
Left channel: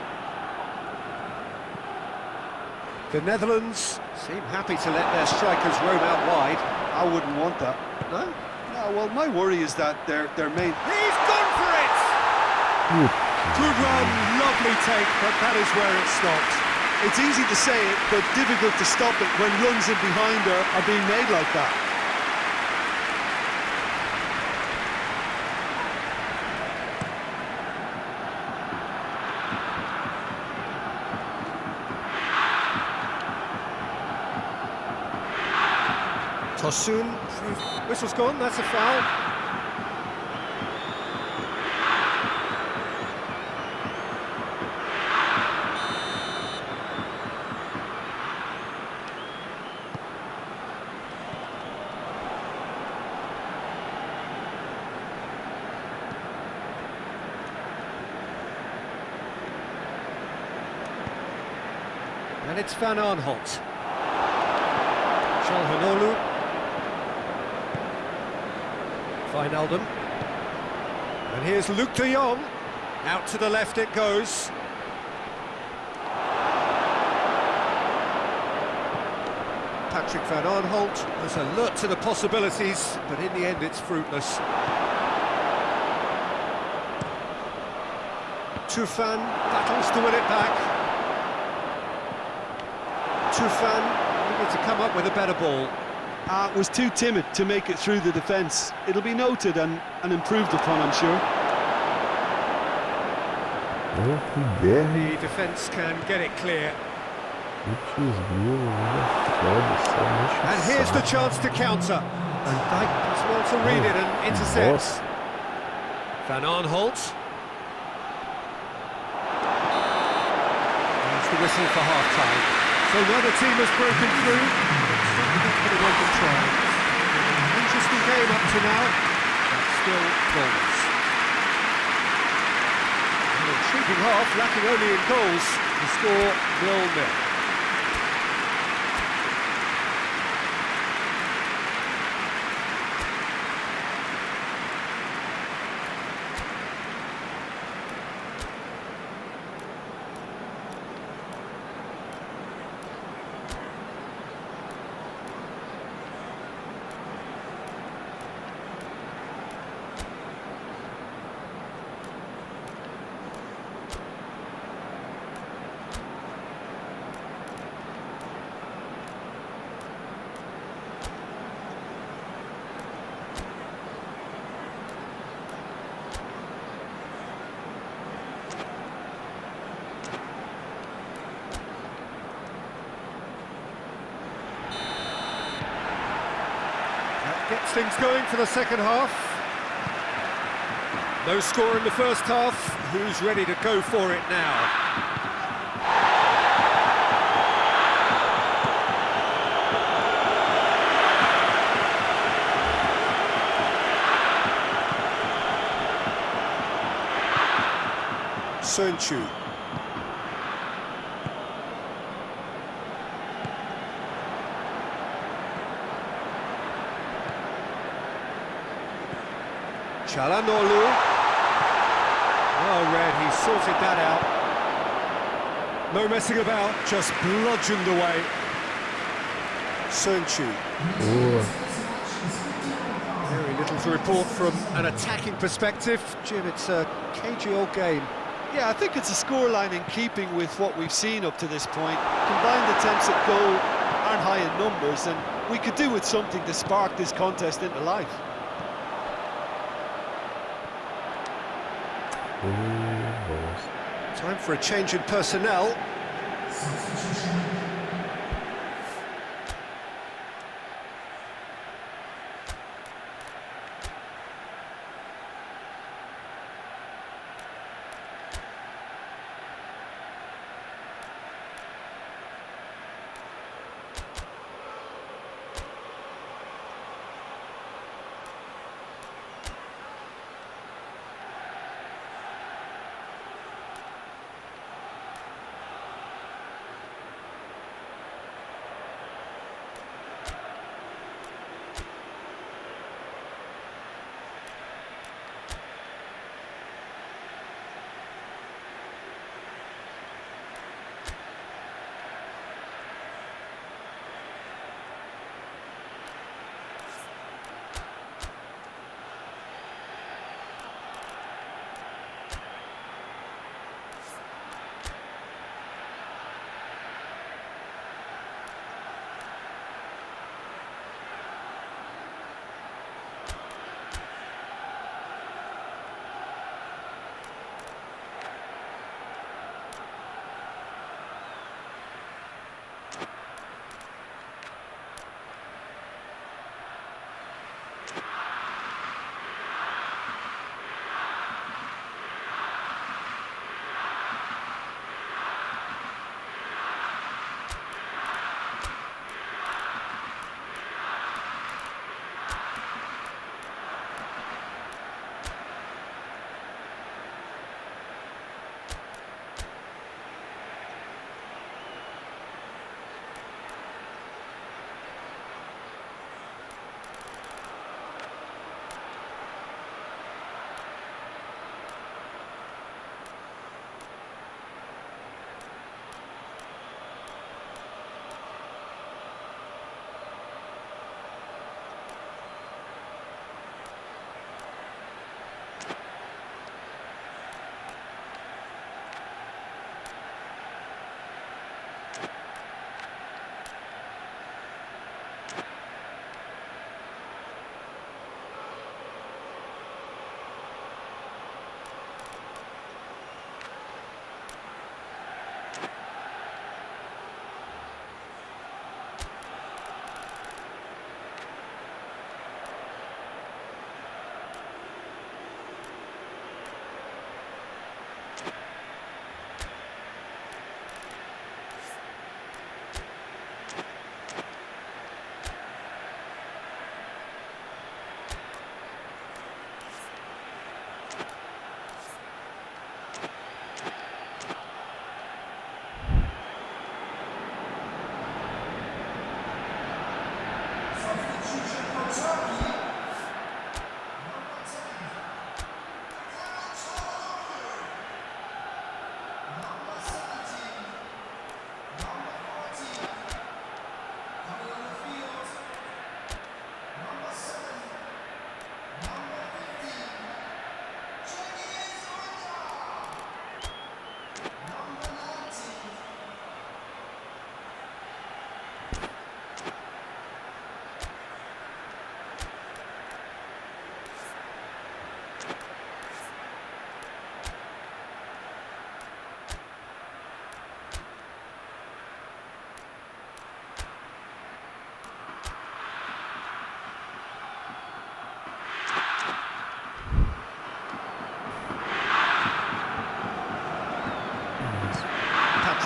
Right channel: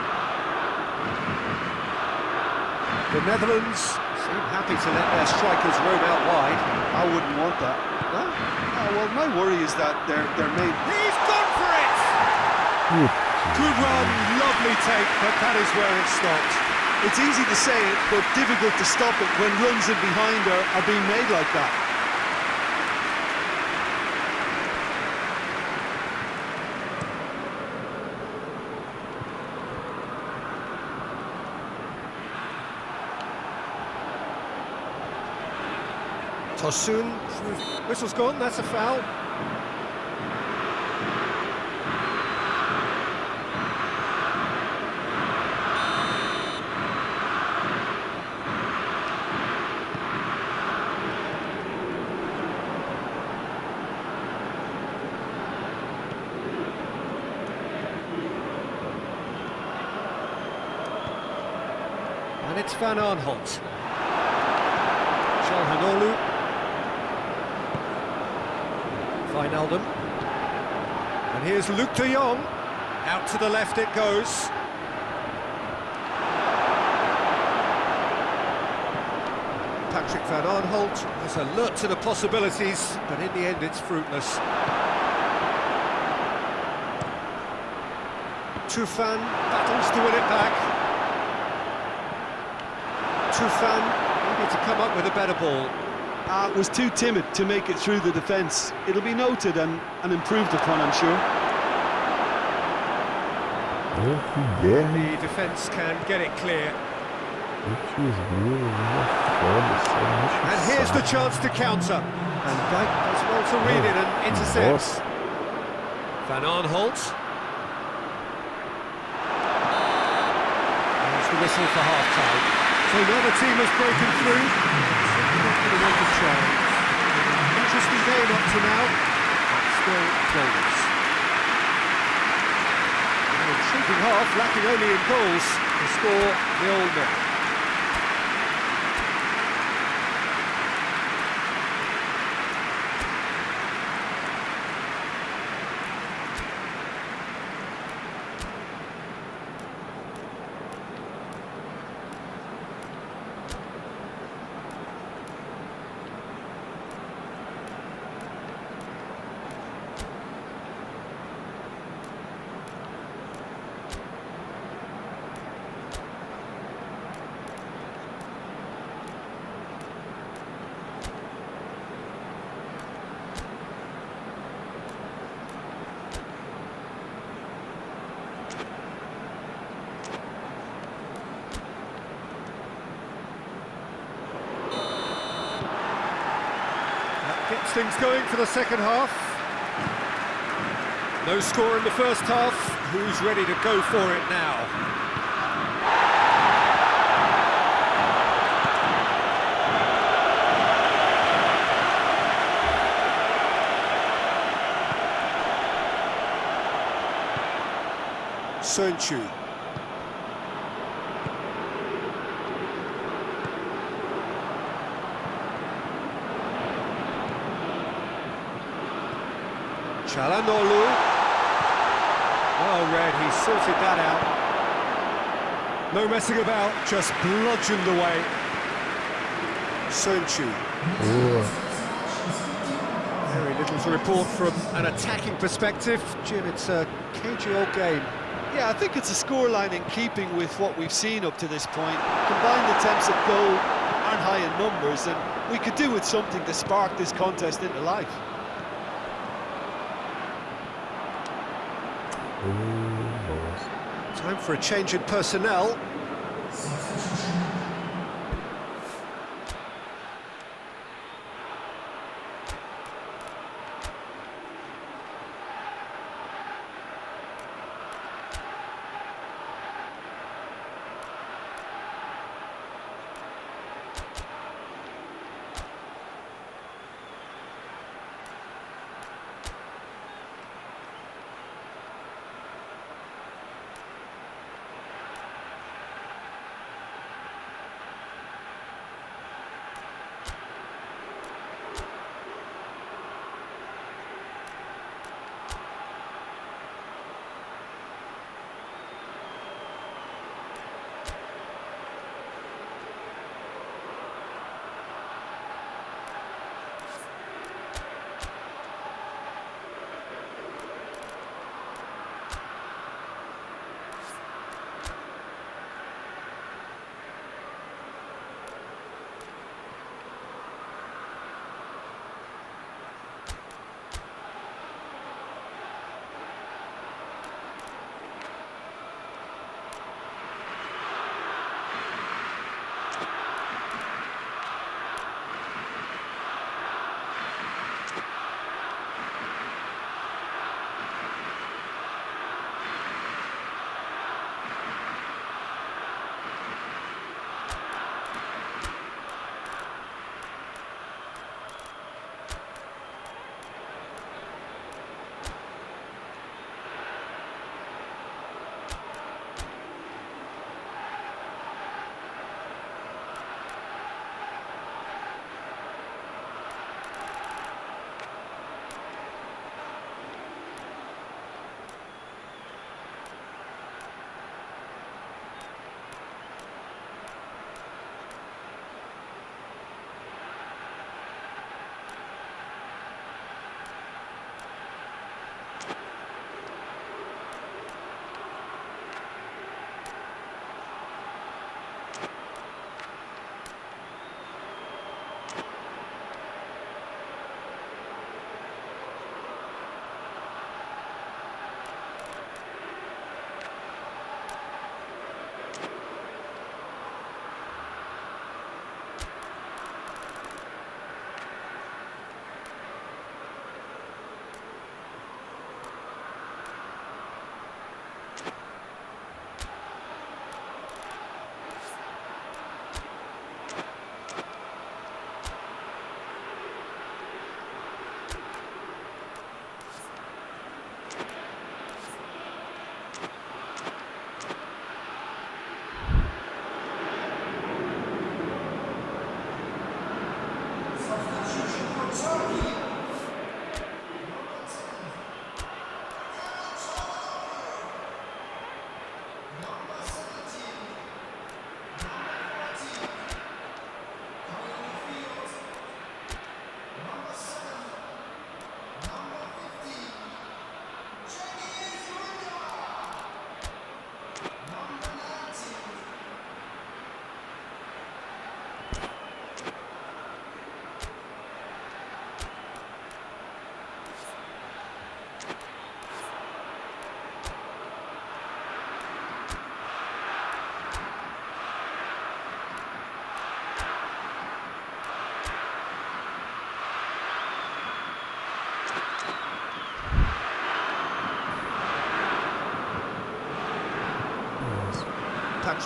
The Netherlands seem happy to let their strikers roam out wide. I wouldn't want that. No? Well, my worry is that their main... He's gone for it! Good run, lovely take, but that is where it stopped. It's easy to say it, but difficult to stop it when runs in behind are being made like that. Tosun, whistle's gone, that's a foul. And it's Van Aanholt. Çalhanoğlu. Wijnaldum. And here's Luc de Jong. Out to the left it goes. Patrick Van Aanholt is alert to the possibilities, but in the end it's fruitless. Tufan battles to win it back. Tufan needed to come up with a better ball. Was too timid to make it through the defence. It'll be noted and improved upon, I'm sure. The defence can get it clear. And here's the chance to counter. And Dijk does well to read it and intercepts. Van Aanholt. There's the whistle for half-time. So neither team has broken through. It's certainly not going to want to try. Been an interesting game up to now, but still goalless. An intriguing half, lacking only in goals. The score 0-0. That gets things going for the second half. No score in the first half. Who's ready to go for it now? Sönchu. Çalhanoğlu. Oh, Red, he sorted that out. No messing about, just bludgeoned away. Sönchu. Very little to report from an attacking perspective. Jim, it's a cagey old game. Yeah, I think it's a scoreline in keeping with what we've seen up to this point. Combined attempts at goal aren't high in numbers, and we could do with something to spark this contest into life. Time for a change in personnel.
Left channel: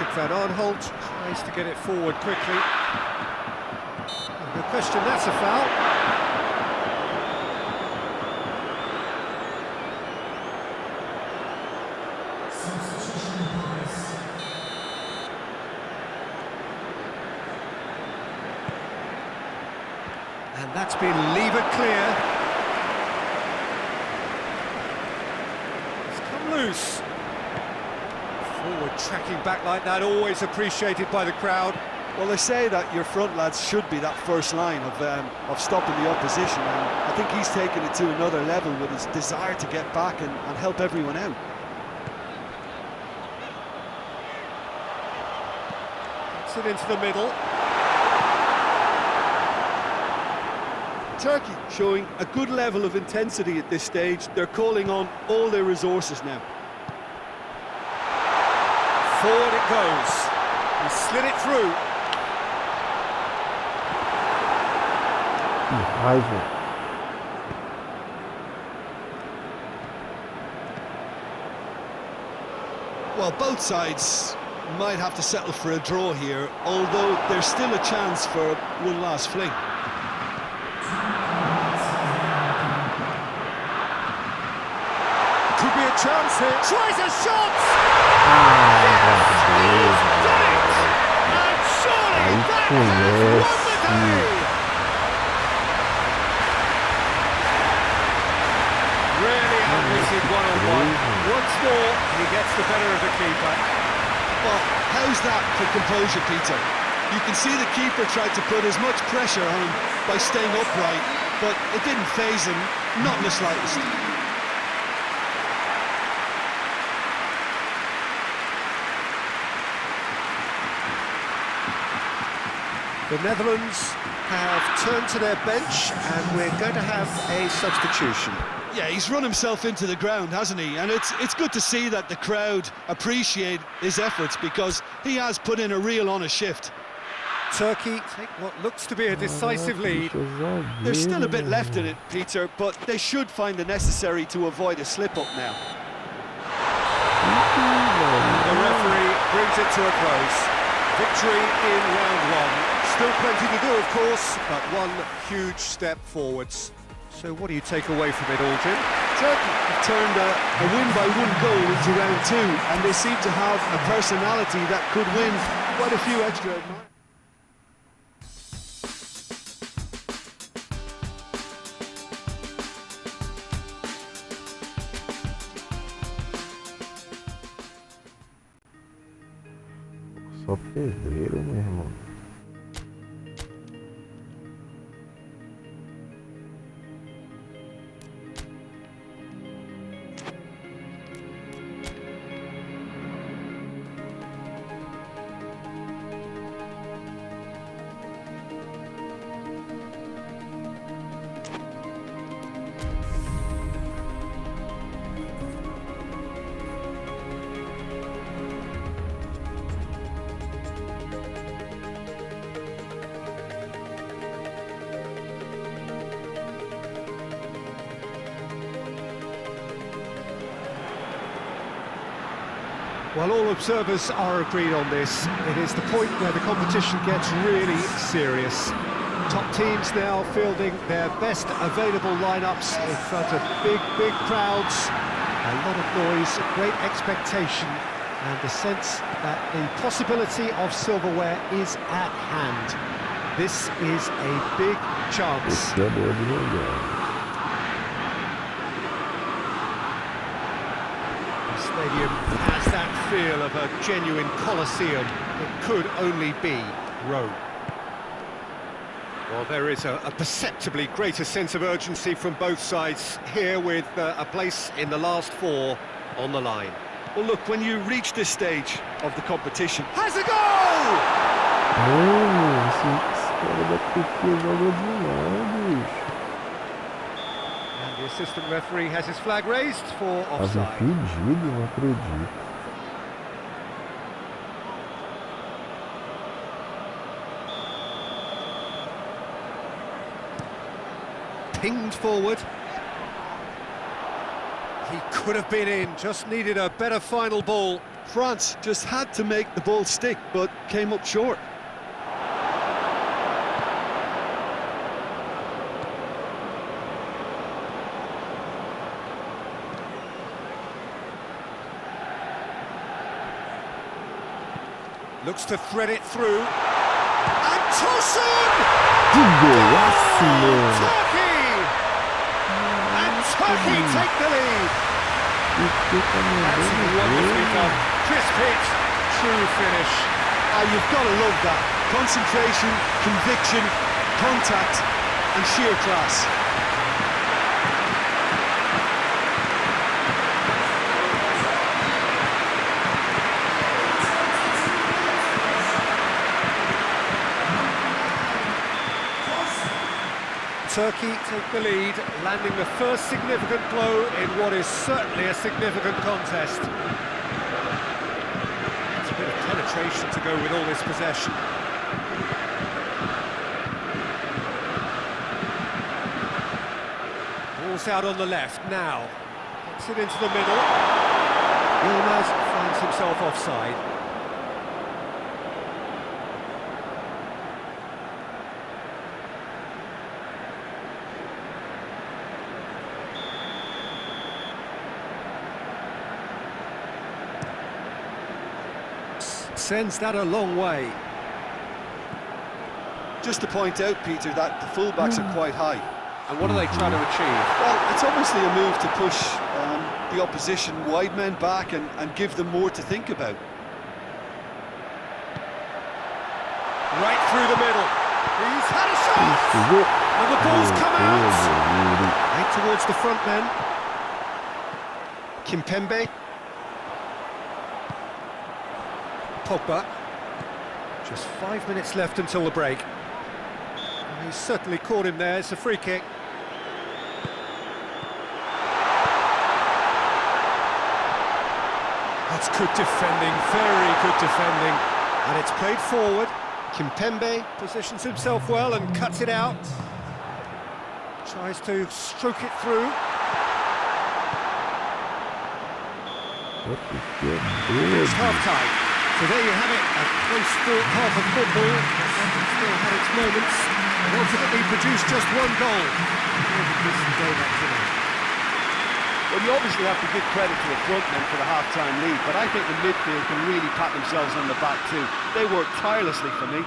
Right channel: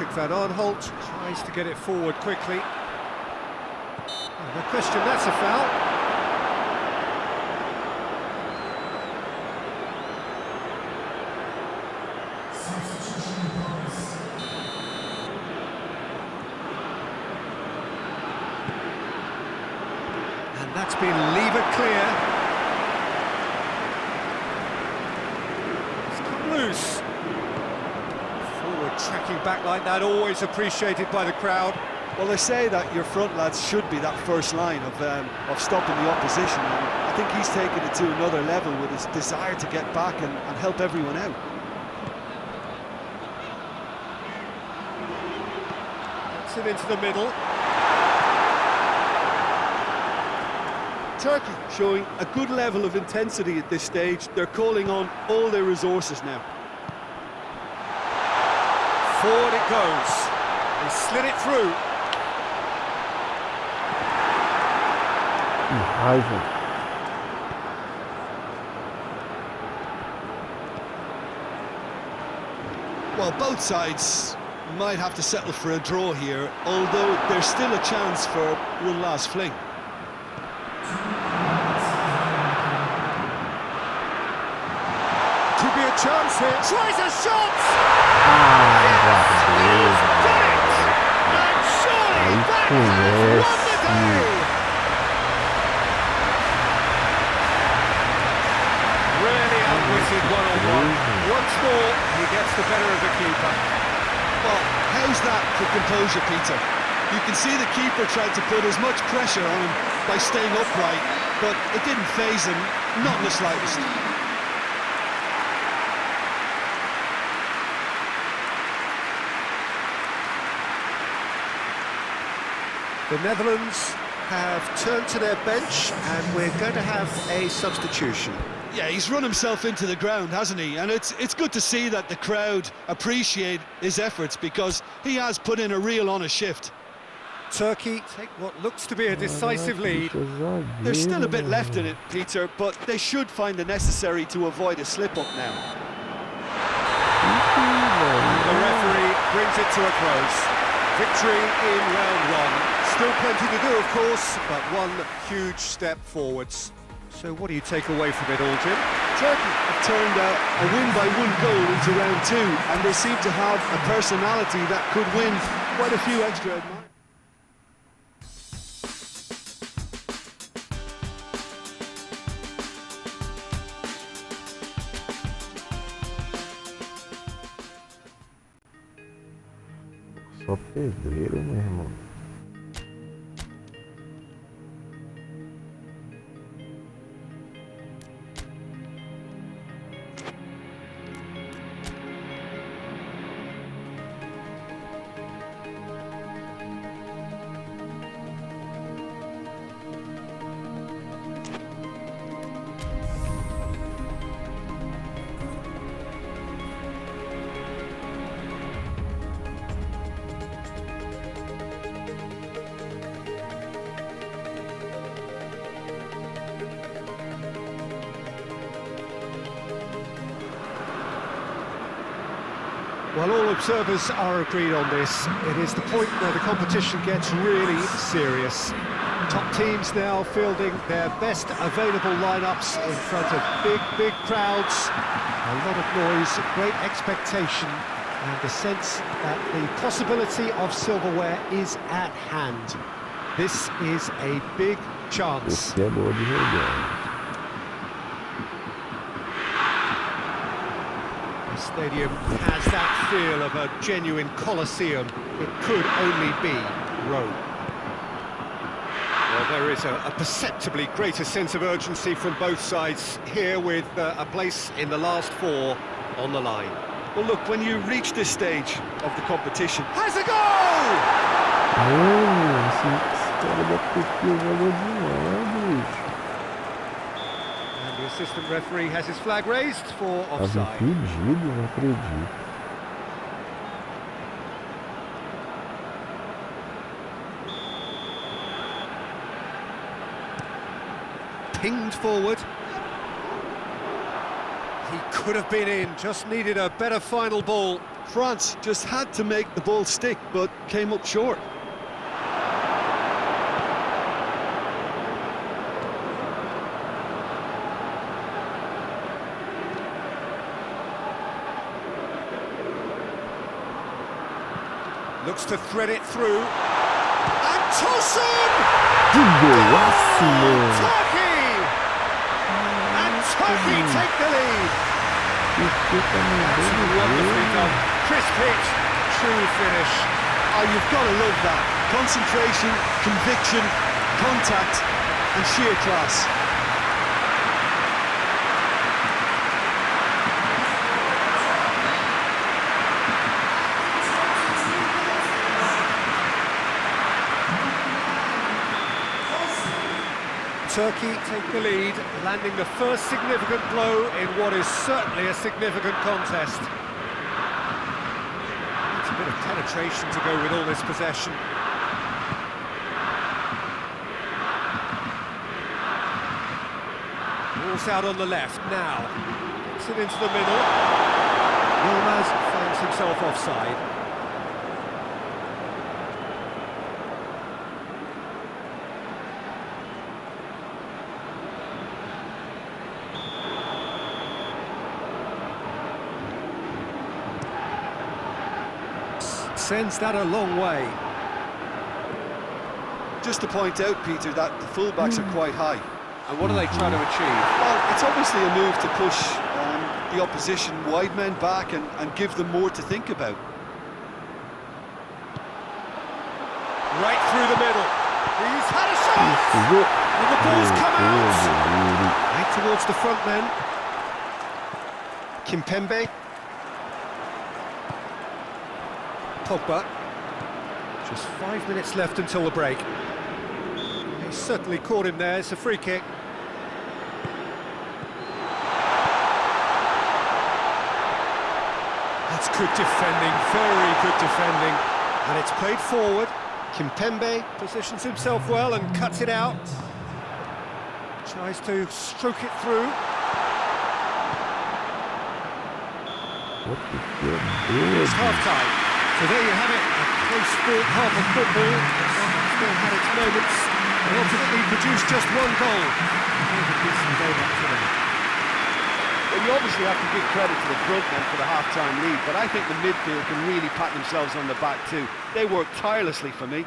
Patrick van Aanholt tries to get it forward quickly. No question, that's a foul. And that's been levered clear. It's come loose. Forward tracking back like that, always appreciated by the crowd. Well, they say that your front lads should be that first line of stopping the opposition, and I think he's taken it to another level with his desire to get back and help everyone out. Gets it into the middle. Turkey showing a good level of intensity at this stage. They're calling on all their resources now. Forward it goes. He slid it through. Que raiva. Well, both sides might have to settle for a draw here, although there's still a chance for one last fling. Could be a chance here. Tries a shot! Ah, He's done it! And surely that has won the day! Really outwitted one-on-one. Once more, he gets the better of the keeper. Well, how's that for composure, Peter? You can see the keeper tried to put as much pressure on him by staying upright, but it didn't faze him, not in the slightest. The Netherlands have turned to their bench, and we're going to have a substitution. Yeah, he's run himself into the ground, hasn't he? And it's good to see that the crowd appreciate his efforts, because he has put in a real honest shift. Turkey take what looks to be a decisive lead. There's still a bit left in it, Peter, but they should find the necessary to avoid a slip-up now. The referee brings it to a close. Victory in round one. Still plenty to do, of course, but one huge step forwards. So what do you take away from it all, Jim? Turkey have turned a win-by-one goal into round two, and they seem to have a personality that could win quite a few extra admirers. Só pedreiro, meu irmão. Well, all observers are agreed on this. It is the point where the competition gets really serious. Top teams now fielding their best available lineups in front of big crowds. A lot of noise, great expectation, and the sense that the possibility of silverware is at hand. This is a big chance. Esse é boa de jogar. The stadium has that feel of a genuine Colosseum. It could only be Rome. Well, there is a perceptibly greater sense of urgency from both sides here, with a place in the last four on the line. Well, look, when you reach this stage of the competition... Has a goal! Esse cara da Turquia jogou demais, bicho. And the assistant referee has his flag raised for Tava offside. impedido, não acredito. Pinged forward. He could have been in, just needed a better final ball. France just had to make the ball stick, but came up short. Looks to thread it through. And Tosun! Que golaço, mano! Turkey! And Turkey take the lead. That's wonderfully done. Crisp hit, true finish. You've got to love that. Concentration, conviction, contact, and sheer class. Turkey take the lead, landing the first significant blow in what is certainly a significant contest. It's a bit of penetration to go with all this possession. Ball's out on the left now. Gets it into the middle. Yilmaz finds himself offside. Sends that a long way. Just to point out, Peter, that the fullbacks are quite high. And what are they trying to achieve? Well, it's obviously a move to push the opposition wide men back and give them more to think about. Right through the middle. He's had a shot! And the ball's come out! Right towards the front men. Kimpembe. Pogba. Just 5 minutes left until the break. He's certainly caught him there. It's a free kick. That's good defending, very good defending. And it's played forward. Kimpembe positions himself well and cuts it out. Tries to stroke it through. It's half-time. So there you have it, a close-fought half of football, but one that still had its moments, and ultimately produced just one goal. More than decent game up to now. Well, you obviously have to give credit to the front men for the half-time lead, but I think the midfield can really pat themselves on the back too. They worked tirelessly for me.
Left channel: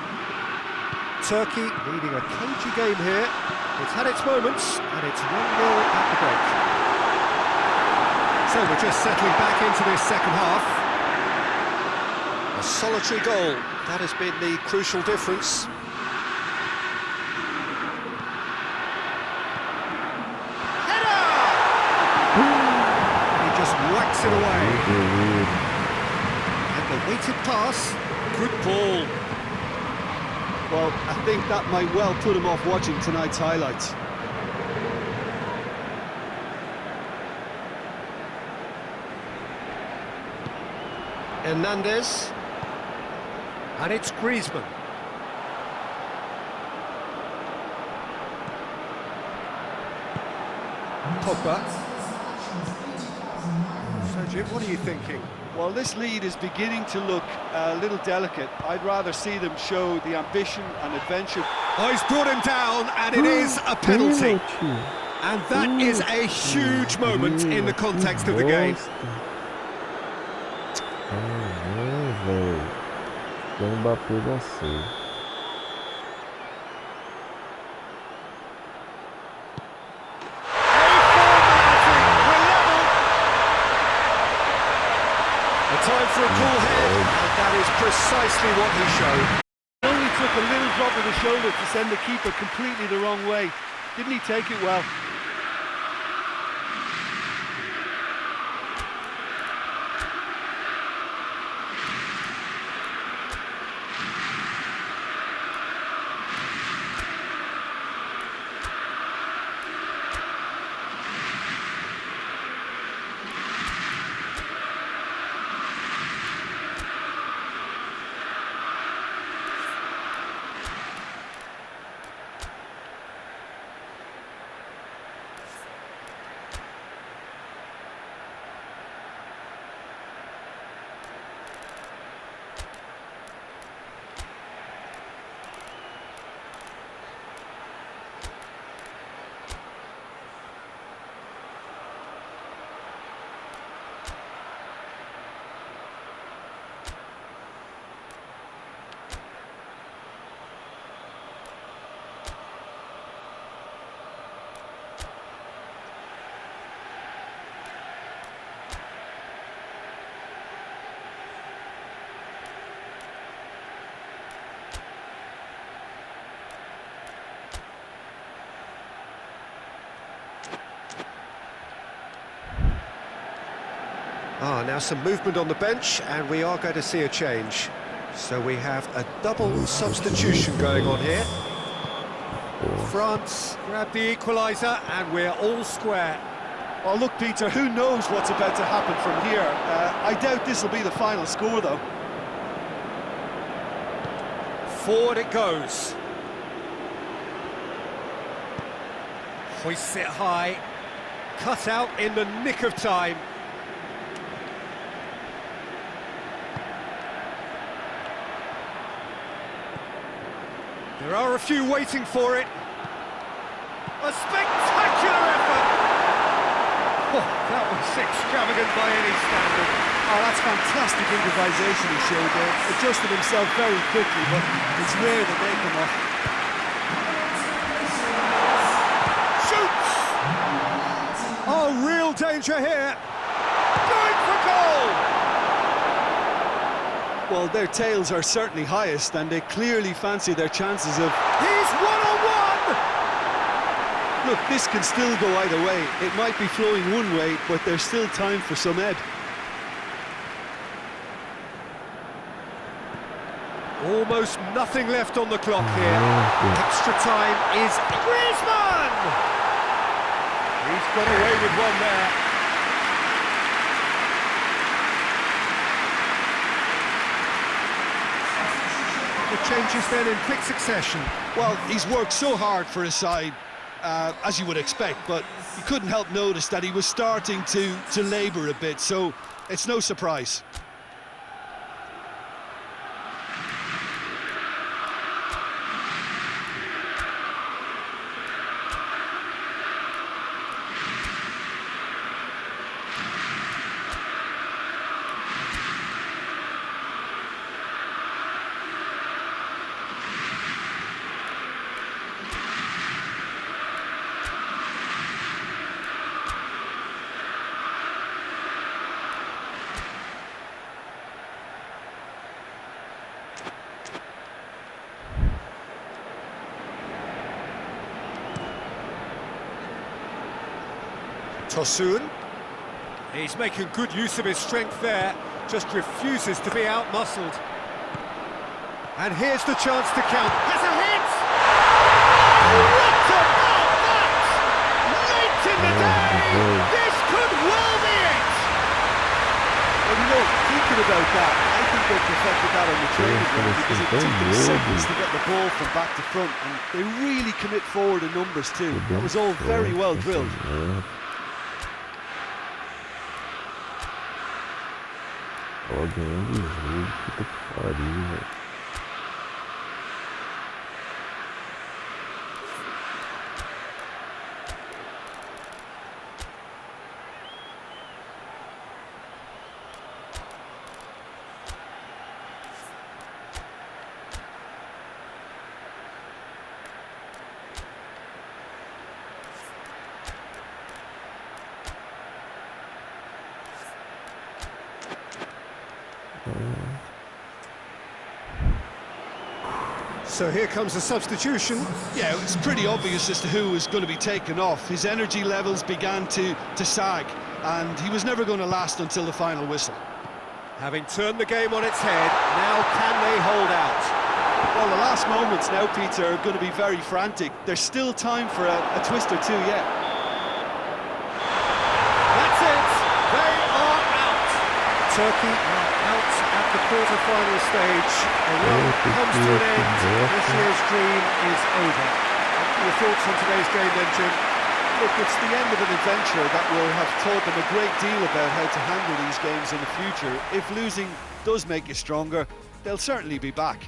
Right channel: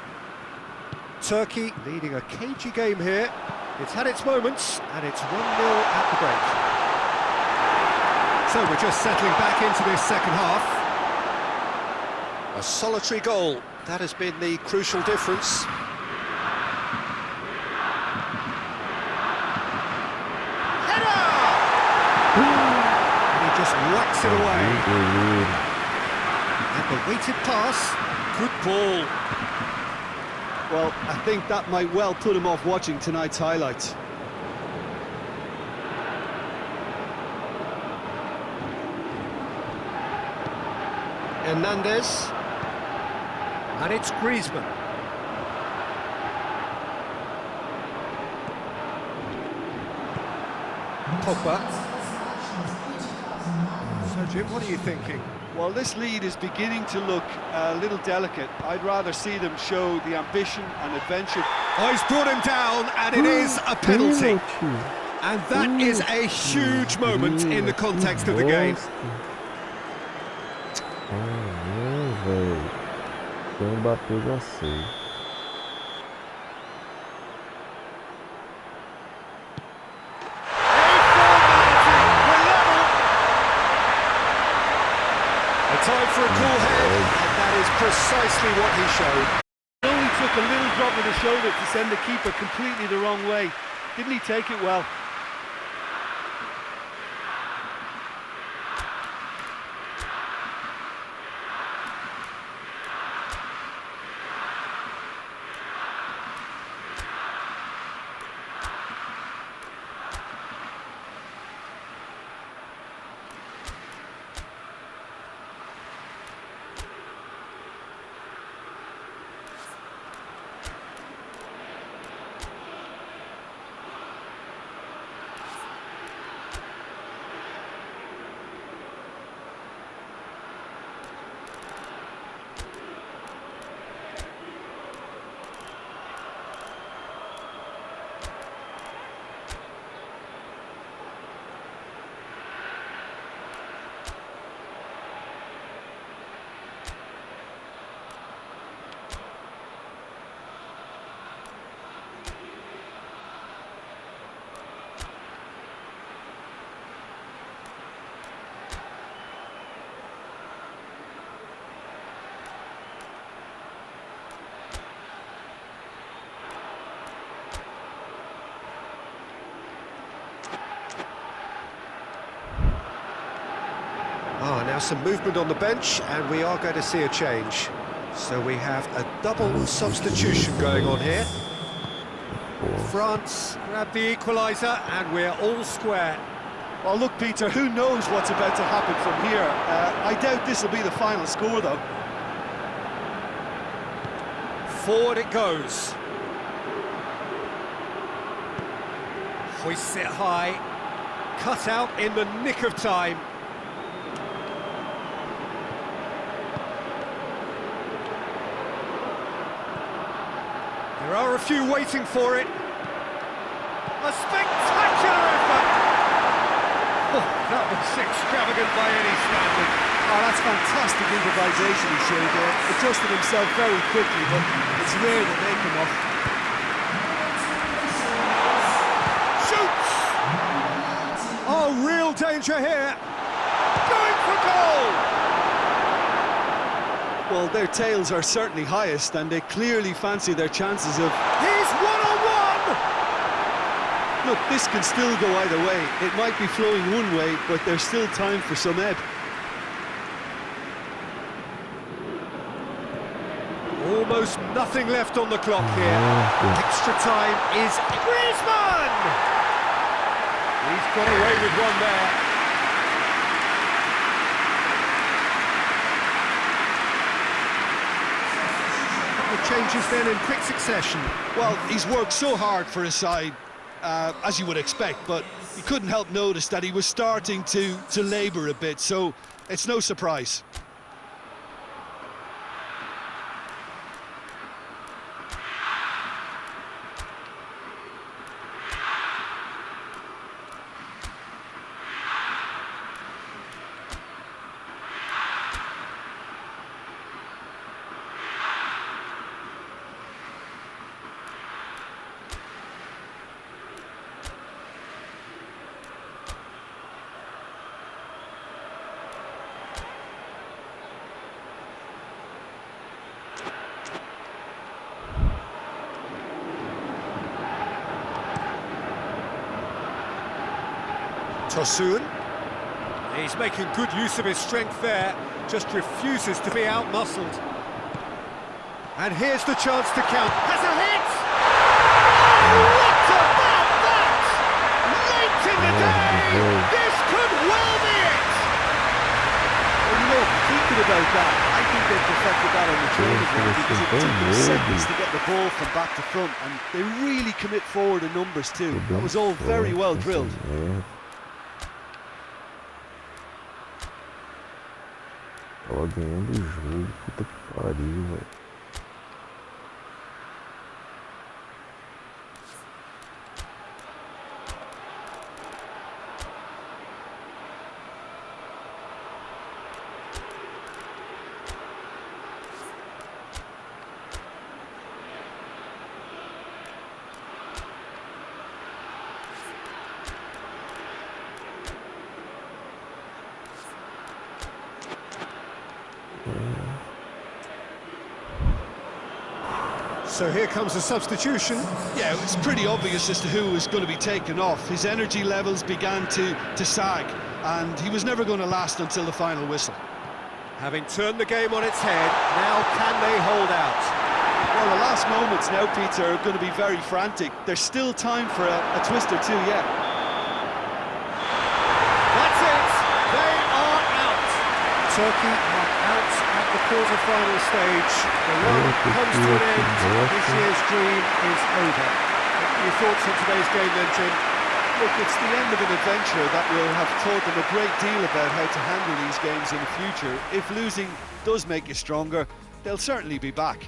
Turkey leading a cagey game here. It's had its moments, and it's 1-0 at the break. So we're just settling back into this second half. A solitary goal, that has been the crucial difference. Header! He just whacks it away. And the weighted pass, good ball. Well, I think that might well put him off watching tonight's highlights. Hernandez. And it's Griezmann. Pogba. So, Jim, what are you thinking? Well, this lead is beginning to look a little delicate. I'd rather see them show the ambition and adventure. Oh, he's brought him down, and it is a penalty. And that is a huge moment in the context of the game. Velho. O Mbappé já sei. A time for a cool head, and that is precisely what he showed. It only took a little drop of the shoulder to send the keeper completely the wrong way. Didn't he take it well? Now some movement on the bench, and we are going to see a change. So we have a double substitution going on here. France grab the equaliser, and we're all square. Well, look, Peter, who knows what's about to happen from here? I doubt this will be the final score, though. Forward it goes. Hoists it high. Cut out in the nick of time. There are a few waiting for it. A spectacular effort! Oh, that was extravagant by any standard. Oh, that's fantastic improvisation he showed there. Adjusted himself very quickly, but it's rare that they come off. Shoots! Oh, real danger here. Going for goal! Well, their tails are certainly highest, and they clearly fancy their chances of... He's one-on-one! Look, this can still go either way. It might be flowing one way, but there's still time for some ebb. Almost nothing left on the clock here. Extra time is Griezmann! He's got away with one there. The changes then in quick succession. Well, he's worked so hard for his side, as you would expect, but you couldn't help notice that he was starting to labour a bit, so it's no surprise. Tosun. He's making good use of his strength there, just refuses to be out-muscled. And here's the chance to count. Has a hit! Oh, what about that? Late in the day! This could well be it! Well, you know, thinking about that, I think they've perfected that on the training ground, because it took them seconds to get the ball from back to front, and they really commit forward in numbers too. That was all very well drilled. Ó, ganhando o jogo, puta que pariu, velho. So here comes a substitution. Yeah, it's pretty obvious as to who was going to be taken off. His energy levels began to sag, and he was never going to last until the final whistle. Having turned the game on its head, now can they hold out? Well, the last moments now, Peter, are going to be very frantic. There's still time for a twist or two yet. That's it! They are out! Turkey are out at the quarter-final stage. The run comes to an end. This year's dream is over. What are your thoughts on today's game then, Jim? Look, it's the end of an adventure that will have taught them a great deal about how to handle these games in the future. If losing does make you stronger, they'll certainly be back.